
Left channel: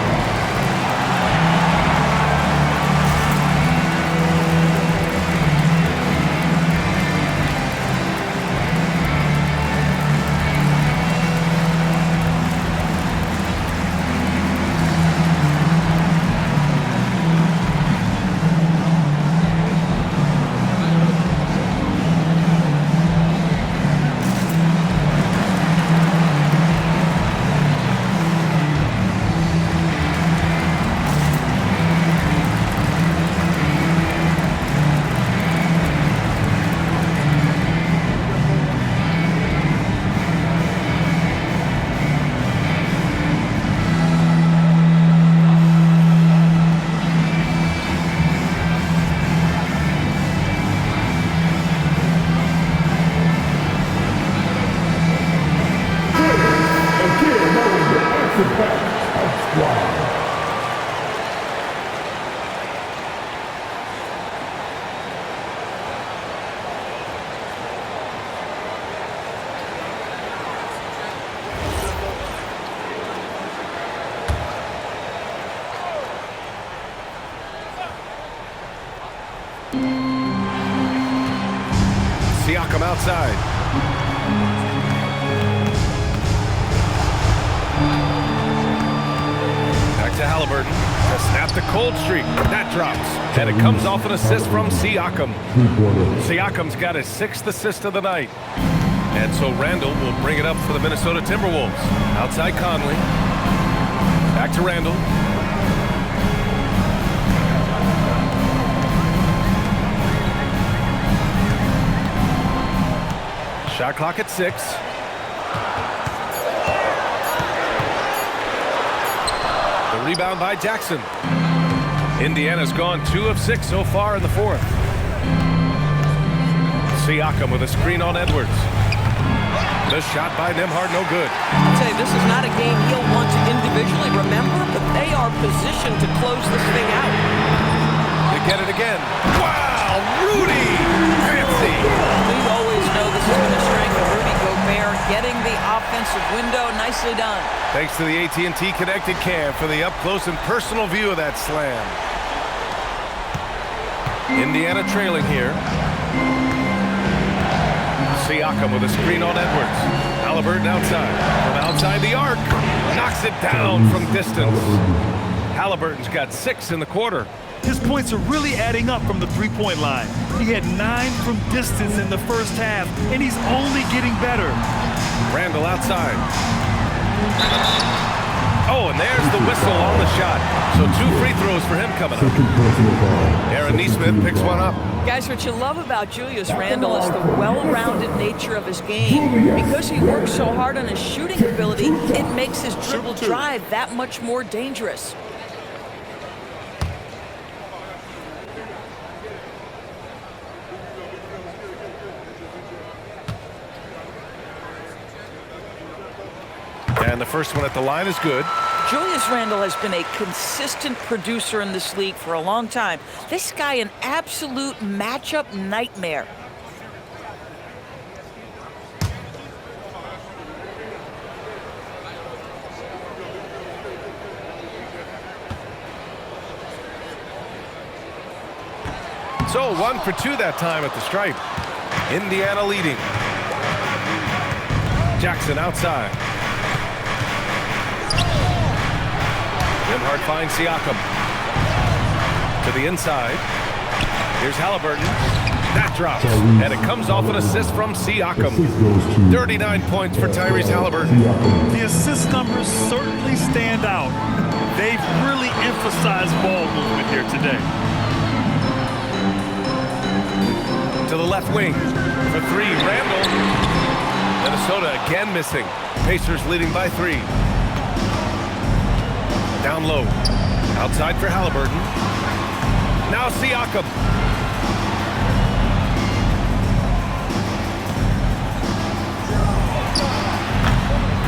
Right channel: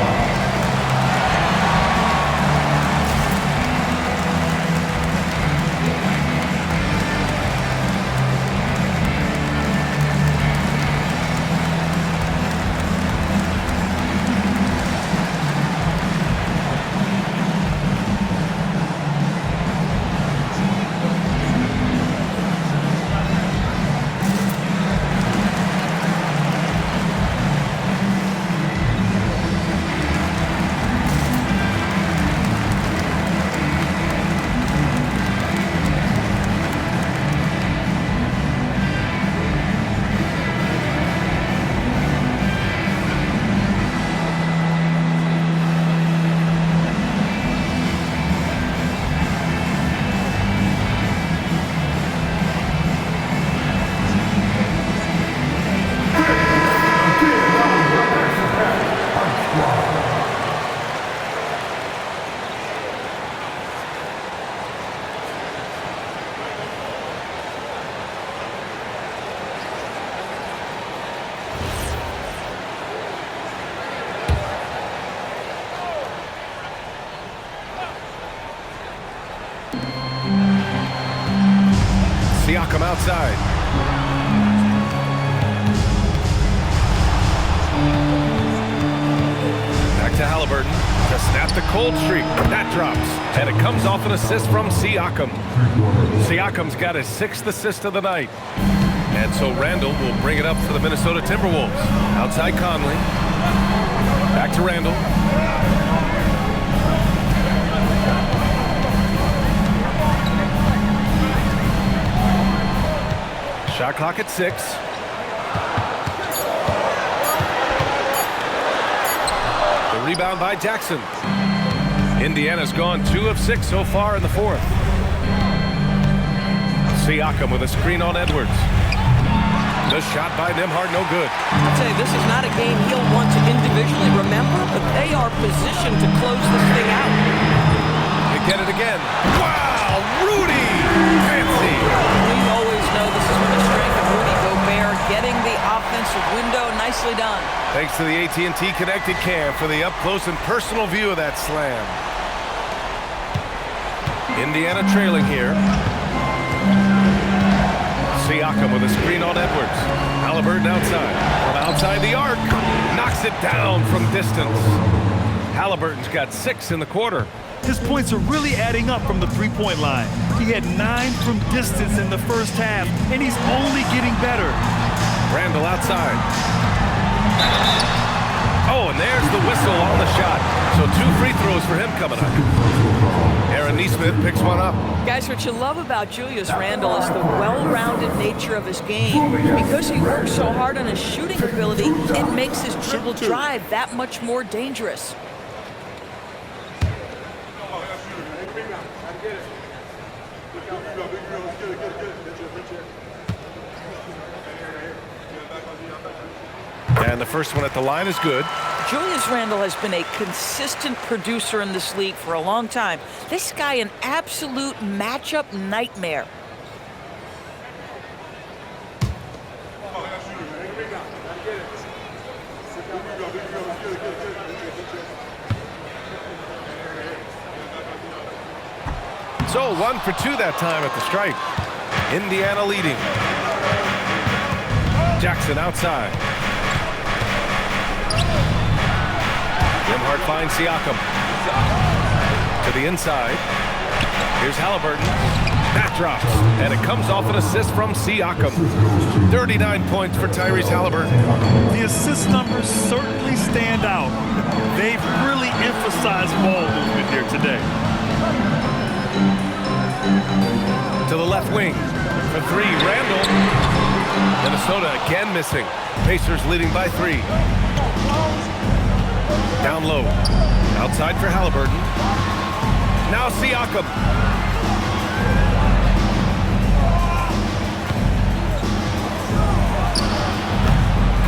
Siakam outside. Back to Halliburton to snap the cold streak. That drops, and it comes off an assist from Siakam. Siakam's got his 6th assist of the night. And so Randall will bring it up for the Minnesota Timberwolves. Outside Conley. Back to Randall. Shot clock at 6. The rebound by Jackson. Indiana's gone 2 of 6 so far in the 4th. Siakam with a screen on Edwards. The shot by Nembhard, no good. I'll tell you, this is not a game he'll want to individually remember, but they are positioned to close this thing out. They get it again. Wow, Rudy! Fancy! We always know this has been a strength of Rudy Gobert, getting the offensive window. Nicely done. Thanks to the AT&T Connected Cam for the up-close and personal view of that slam. Indiana trailing here. Siakam with a screen on Edwards. Halliburton outside. From outside the arc. Knocks it down from distance. Halliburton's got 6 in the quarter. His points are really adding up from the three-point line. He had 9 from distance in the first half, and he's only getting better. Randall outside. Oh, and there's the whistle on the shot. So 2 free throws for him coming up. Aaron Nesmith picks one up. Guys, what you love about Julius Randle is the well-rounded nature of his game. Because he works so hard on his shooting ability, it makes his dribble drive that much more dangerous. And the first one at the line is good. Julius Randle has been a consistent producer in this league for a long time. This guy, an absolute matchup nightmare. So 1 for 2 that time at the stripe. Indiana leading. Jackson outside. Nembhard finds Siakam. To the inside. Here's Halliburton. That drops. And it comes off an assist from Siakam. 39 points for Tyrese Halliburton. The assist numbers certainly stand out. They've really emphasized ball movement here today. To the left wing. For 3, Randall. Minnesota again missing. Pacers leading by 3. Down low. Outside for Halliburton. Now Siakam.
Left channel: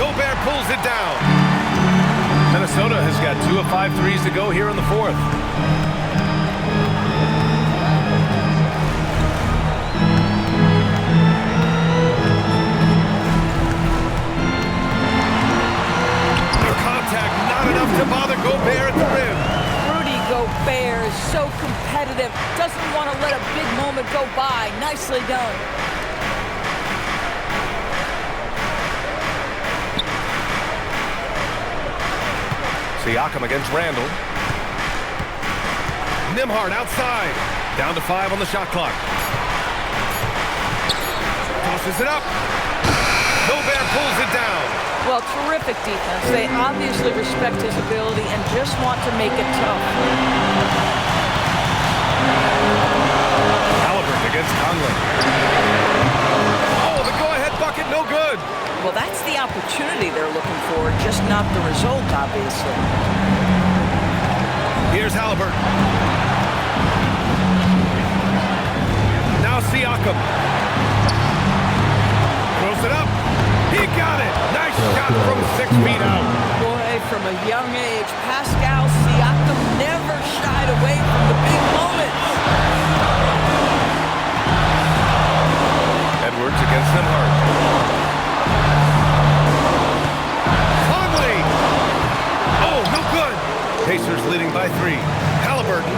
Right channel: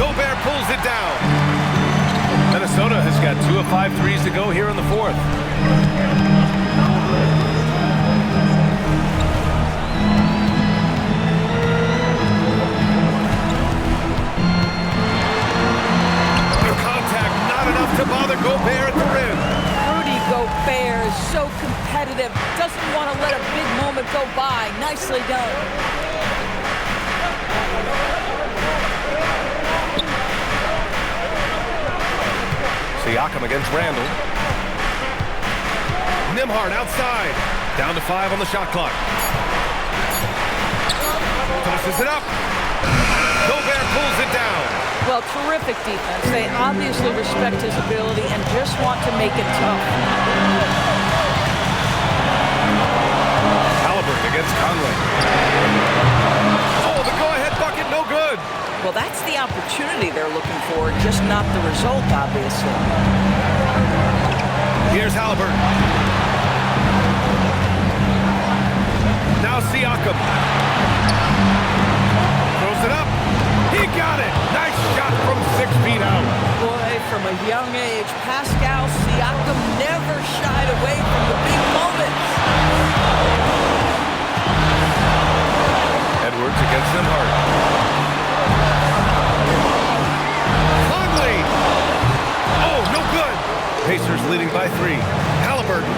Gobert pulls it down. Minnesota has got 2 of 5 threes to go here in the fourth. The contact not enough to bother Gobert at the rim. Rudy Gobert is so competitive, doesn't want to let a big moment go by. Nicely done. Siakam against Randall. Nembhard outside. Down to 5 on the shot clock. Tosses it up. Gobert pulls it down. Well, terrific defense. They obviously respect his ability and just want to make it tough. Halliburton against Conley. Oh, the go-ahead bucket, no good. Well, that's the opportunity they're looking for, just not the result, obviously. Here's Halliburton. Now Siakam. Throws it up. He got it. Nice shot from 6 feet out. Boy, from a young age, Pascal Siakam never shied away from the big moments. Edwards against Nembhard. Conley! Oh, no good. Pacers leading by 3. Halliburton.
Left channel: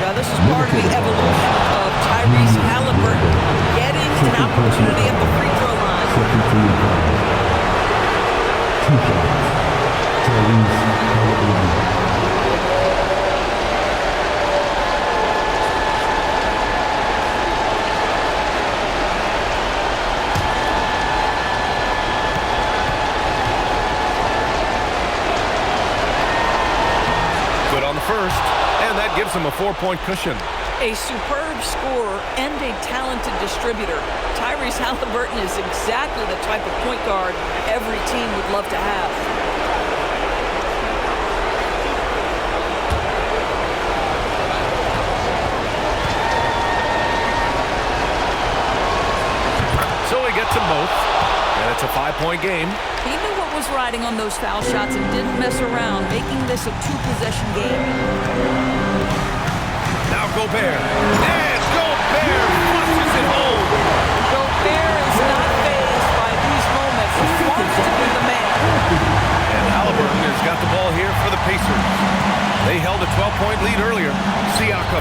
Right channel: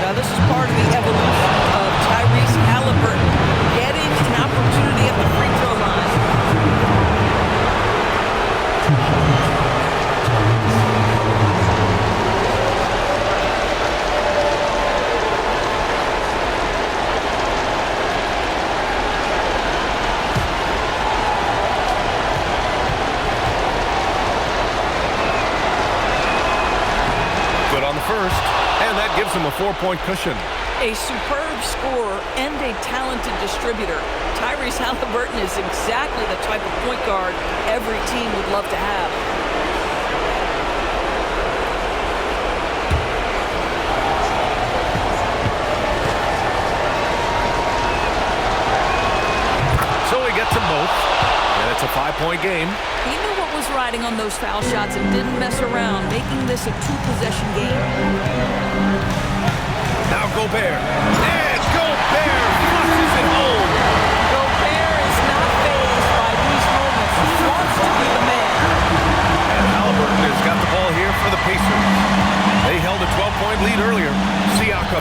Now, this is part of the evolution of Tyrese Halliburton getting an opportunity at the free throw line. 2 shots. Tyrese Halliburton. Good on the first, and that gives him a 4-point cushion. A superb scorer and a talented distributor. Tyrese Halliburton is exactly the type of point guard every team would love to have. So he gets them both, and it's a 5-point game. He knew what was riding on those foul shots and didn't mess around, making this a 2-possession game. Now Gobert. And Gobert flushes it home. Gobert is not fazed by these moments. He wants to be the man. And Halliburton has got the ball here for the Pacers. They held a 12-point lead earlier. Siakam.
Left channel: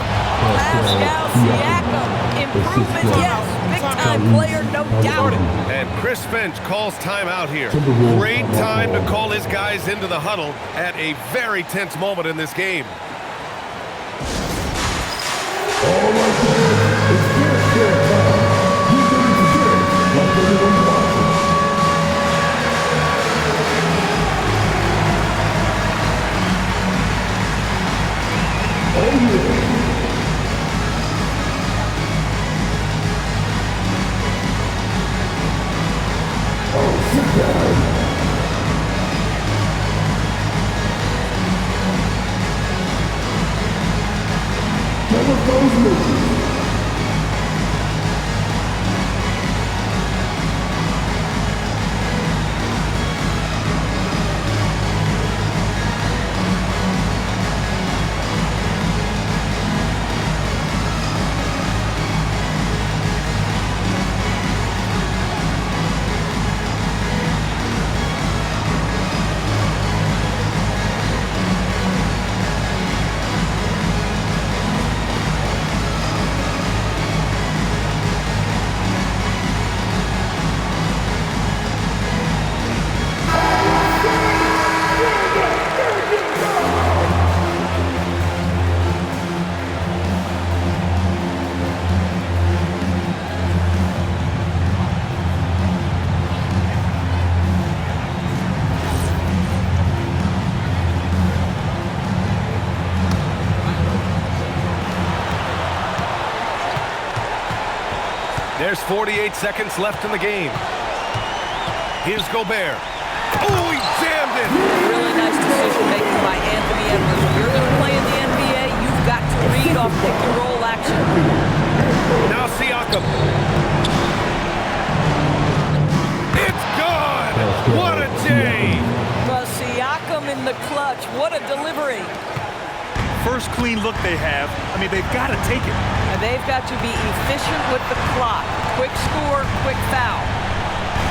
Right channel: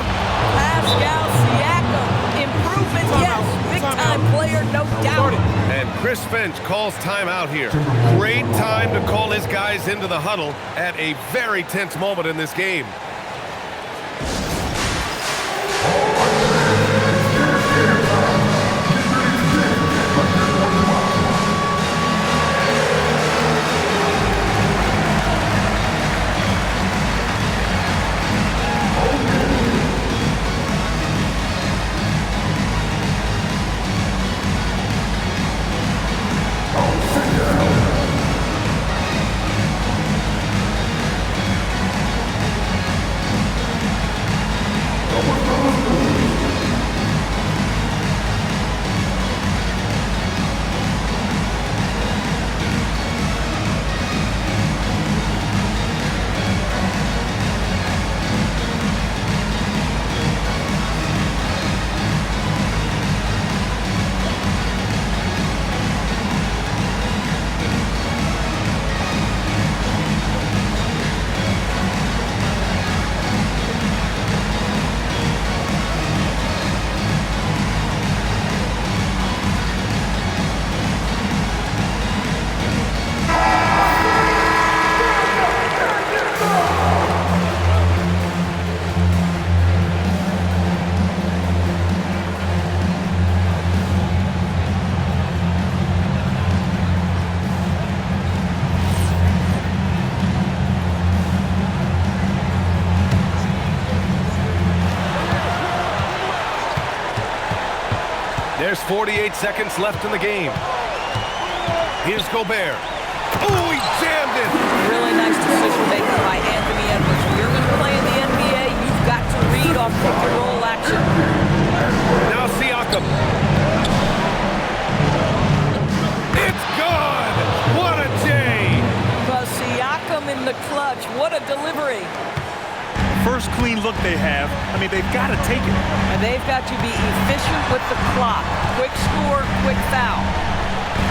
Pascal Siakam. Improvement, yes. Big-time player, no doubt. And Chris Finch calls timeout here. Great time to call his guys into the huddle at a very tense moment in this game. All right, fans, it's dance camp time. Get ready to dance like everyone's watching. Oh, yeah. Oh, sit down. Double those moves. There's 48 seconds left in the game. Here's Gobert. Oh, he jammed it! Really nice decision-making by Anthony Edwards. If you're going to play in the NBA, you've got to read off pick-and-roll action. Now Siakam. It's good! J. But Siakam in the clutch. What a delivery. First clean look they have. I mean, they've got to take it. And they've got to be efficient with the clock. Quick score, quick foul.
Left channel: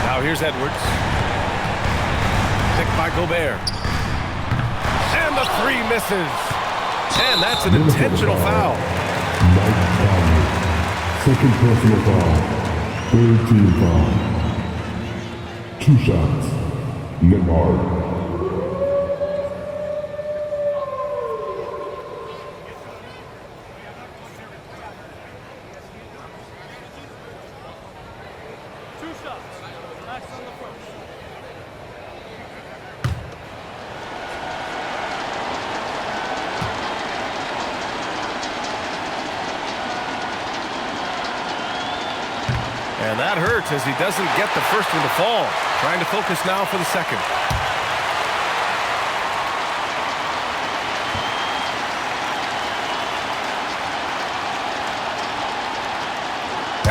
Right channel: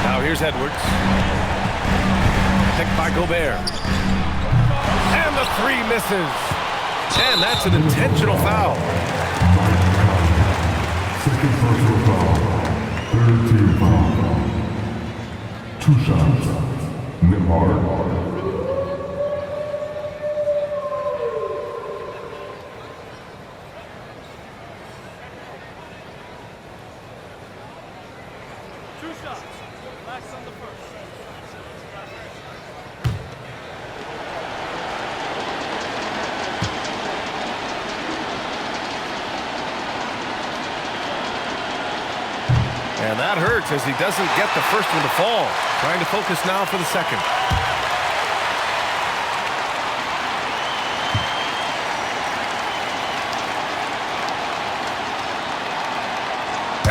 Now here's Edwards. Picked by Gobert. And the three misses. And that's an intentional foul. Mike Conley. Second personal foul. Third team foul. 2 shots. Nembhard. Two shots. Relax on the first. And that hurts as he doesn't get the first one to fall. Trying to focus now for the second.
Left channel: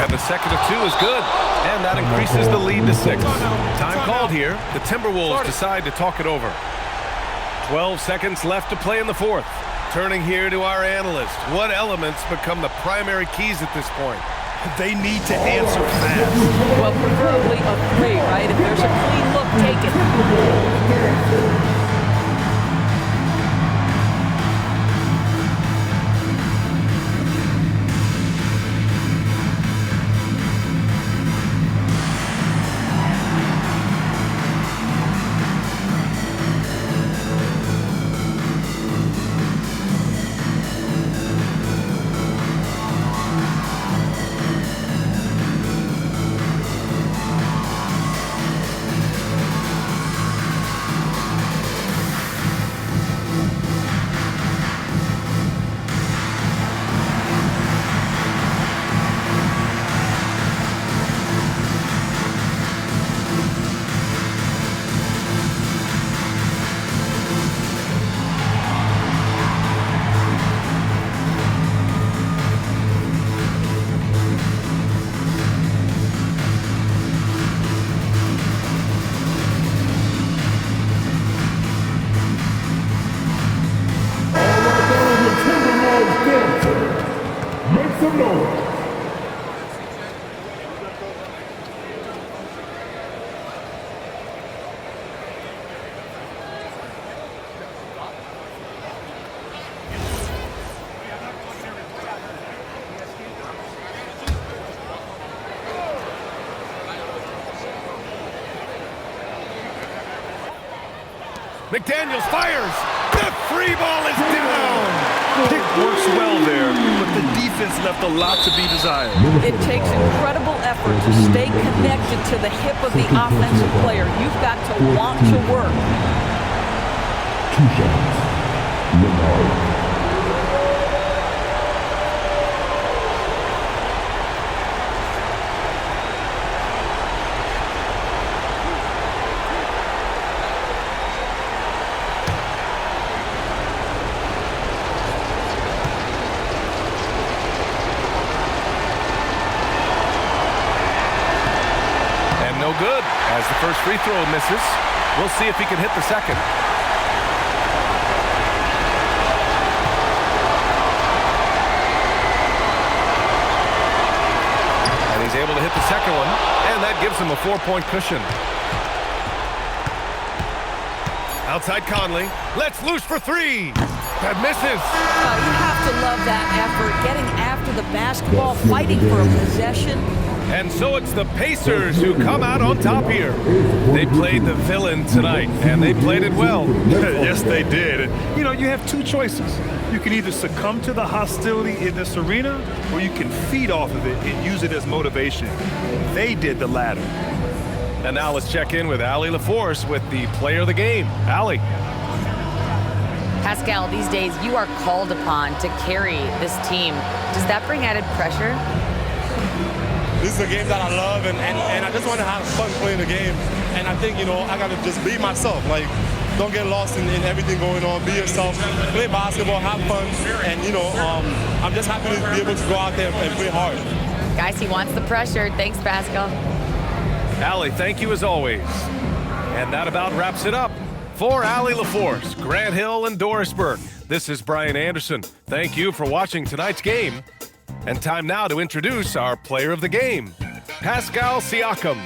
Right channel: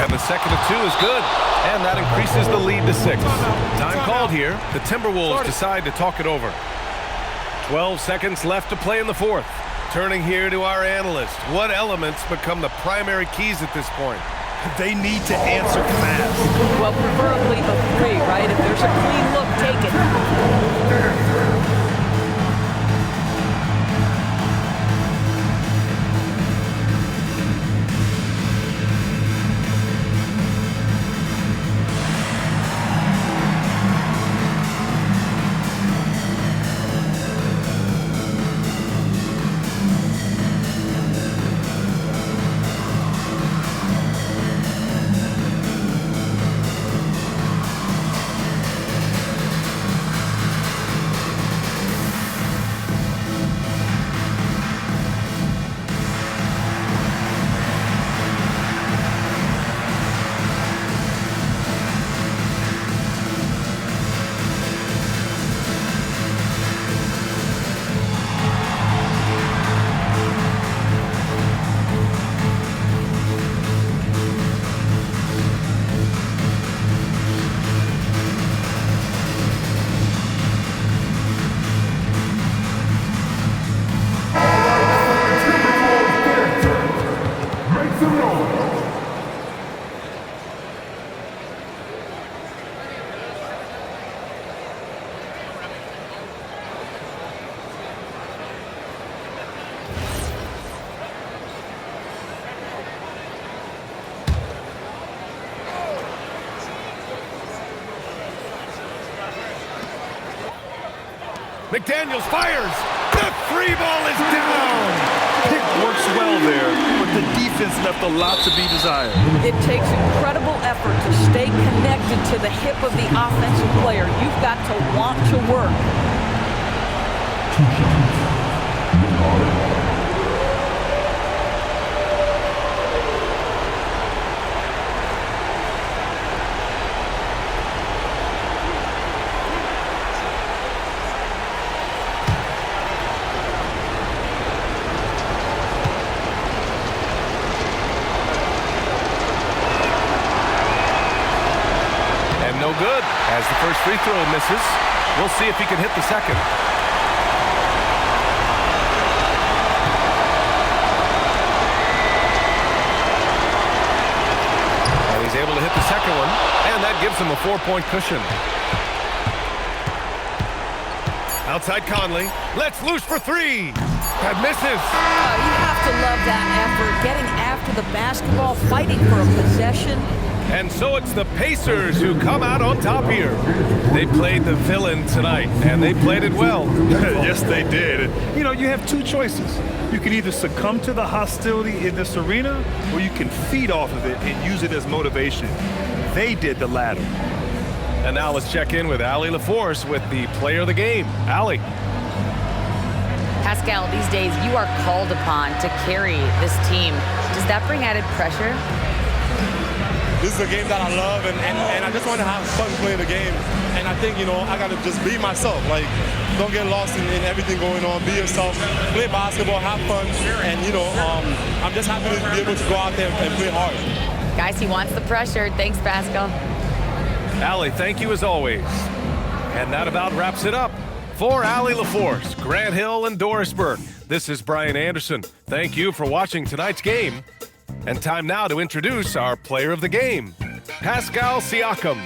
And the second of 2 is good. And that increases the lead to 6. Time called here. The Timberwolves decide to talk it over. 12 seconds left to play in the fourth. Turning here to our analyst. What elements become the primary keys at this point? They need to answer fast. Well, preferably a 3, right? If there's a clean look, take it. Some noise. McDaniels fires. The free ball is down. Pick works well there, but the defense left a lot to be desired. It takes incredible effort to stay connected to the hip of the offensive player. You've got to want to work. 2 shots. Nembhard. And no good as the first free throw misses. We'll see if he can hit the second. And he's able to hit the second one, and that gives him a 4-point cushion. Outside Conley, lets loose for 3. That misses. You have to love that effort, getting after the basketball, fighting for a possession. And so it's the Pacers who come out on top here. They played the villain tonight, and they played it well. Yes, they did. You know, you have 2 choices. You can either succumb to the hostility in this arena, or you can feed off of it and use it as motivation. They did the latter. And now let's check in with Allie LaForce with the player of the game. Allie. Pascal, these days you are called upon to carry this team. Does that bring added pressure? This is a game that I love, and I just want to have fun playing the game. And I think, you know, I got to just be myself. Like, don't get lost in everything going on. Be yourself. Play basketball, have fun. And, you know, I'm just happy to be able to go out there and play hard. Guys, he wants the pressure. Thanks, Pascal. Allie, thank you as always. And that about wraps it up. For Allie LaForce, Grant Hill, and Doris Burke, this is Brian Anderson. Thank you for watching tonight's game. And time now to introduce our player of the game, Pascal Siakam.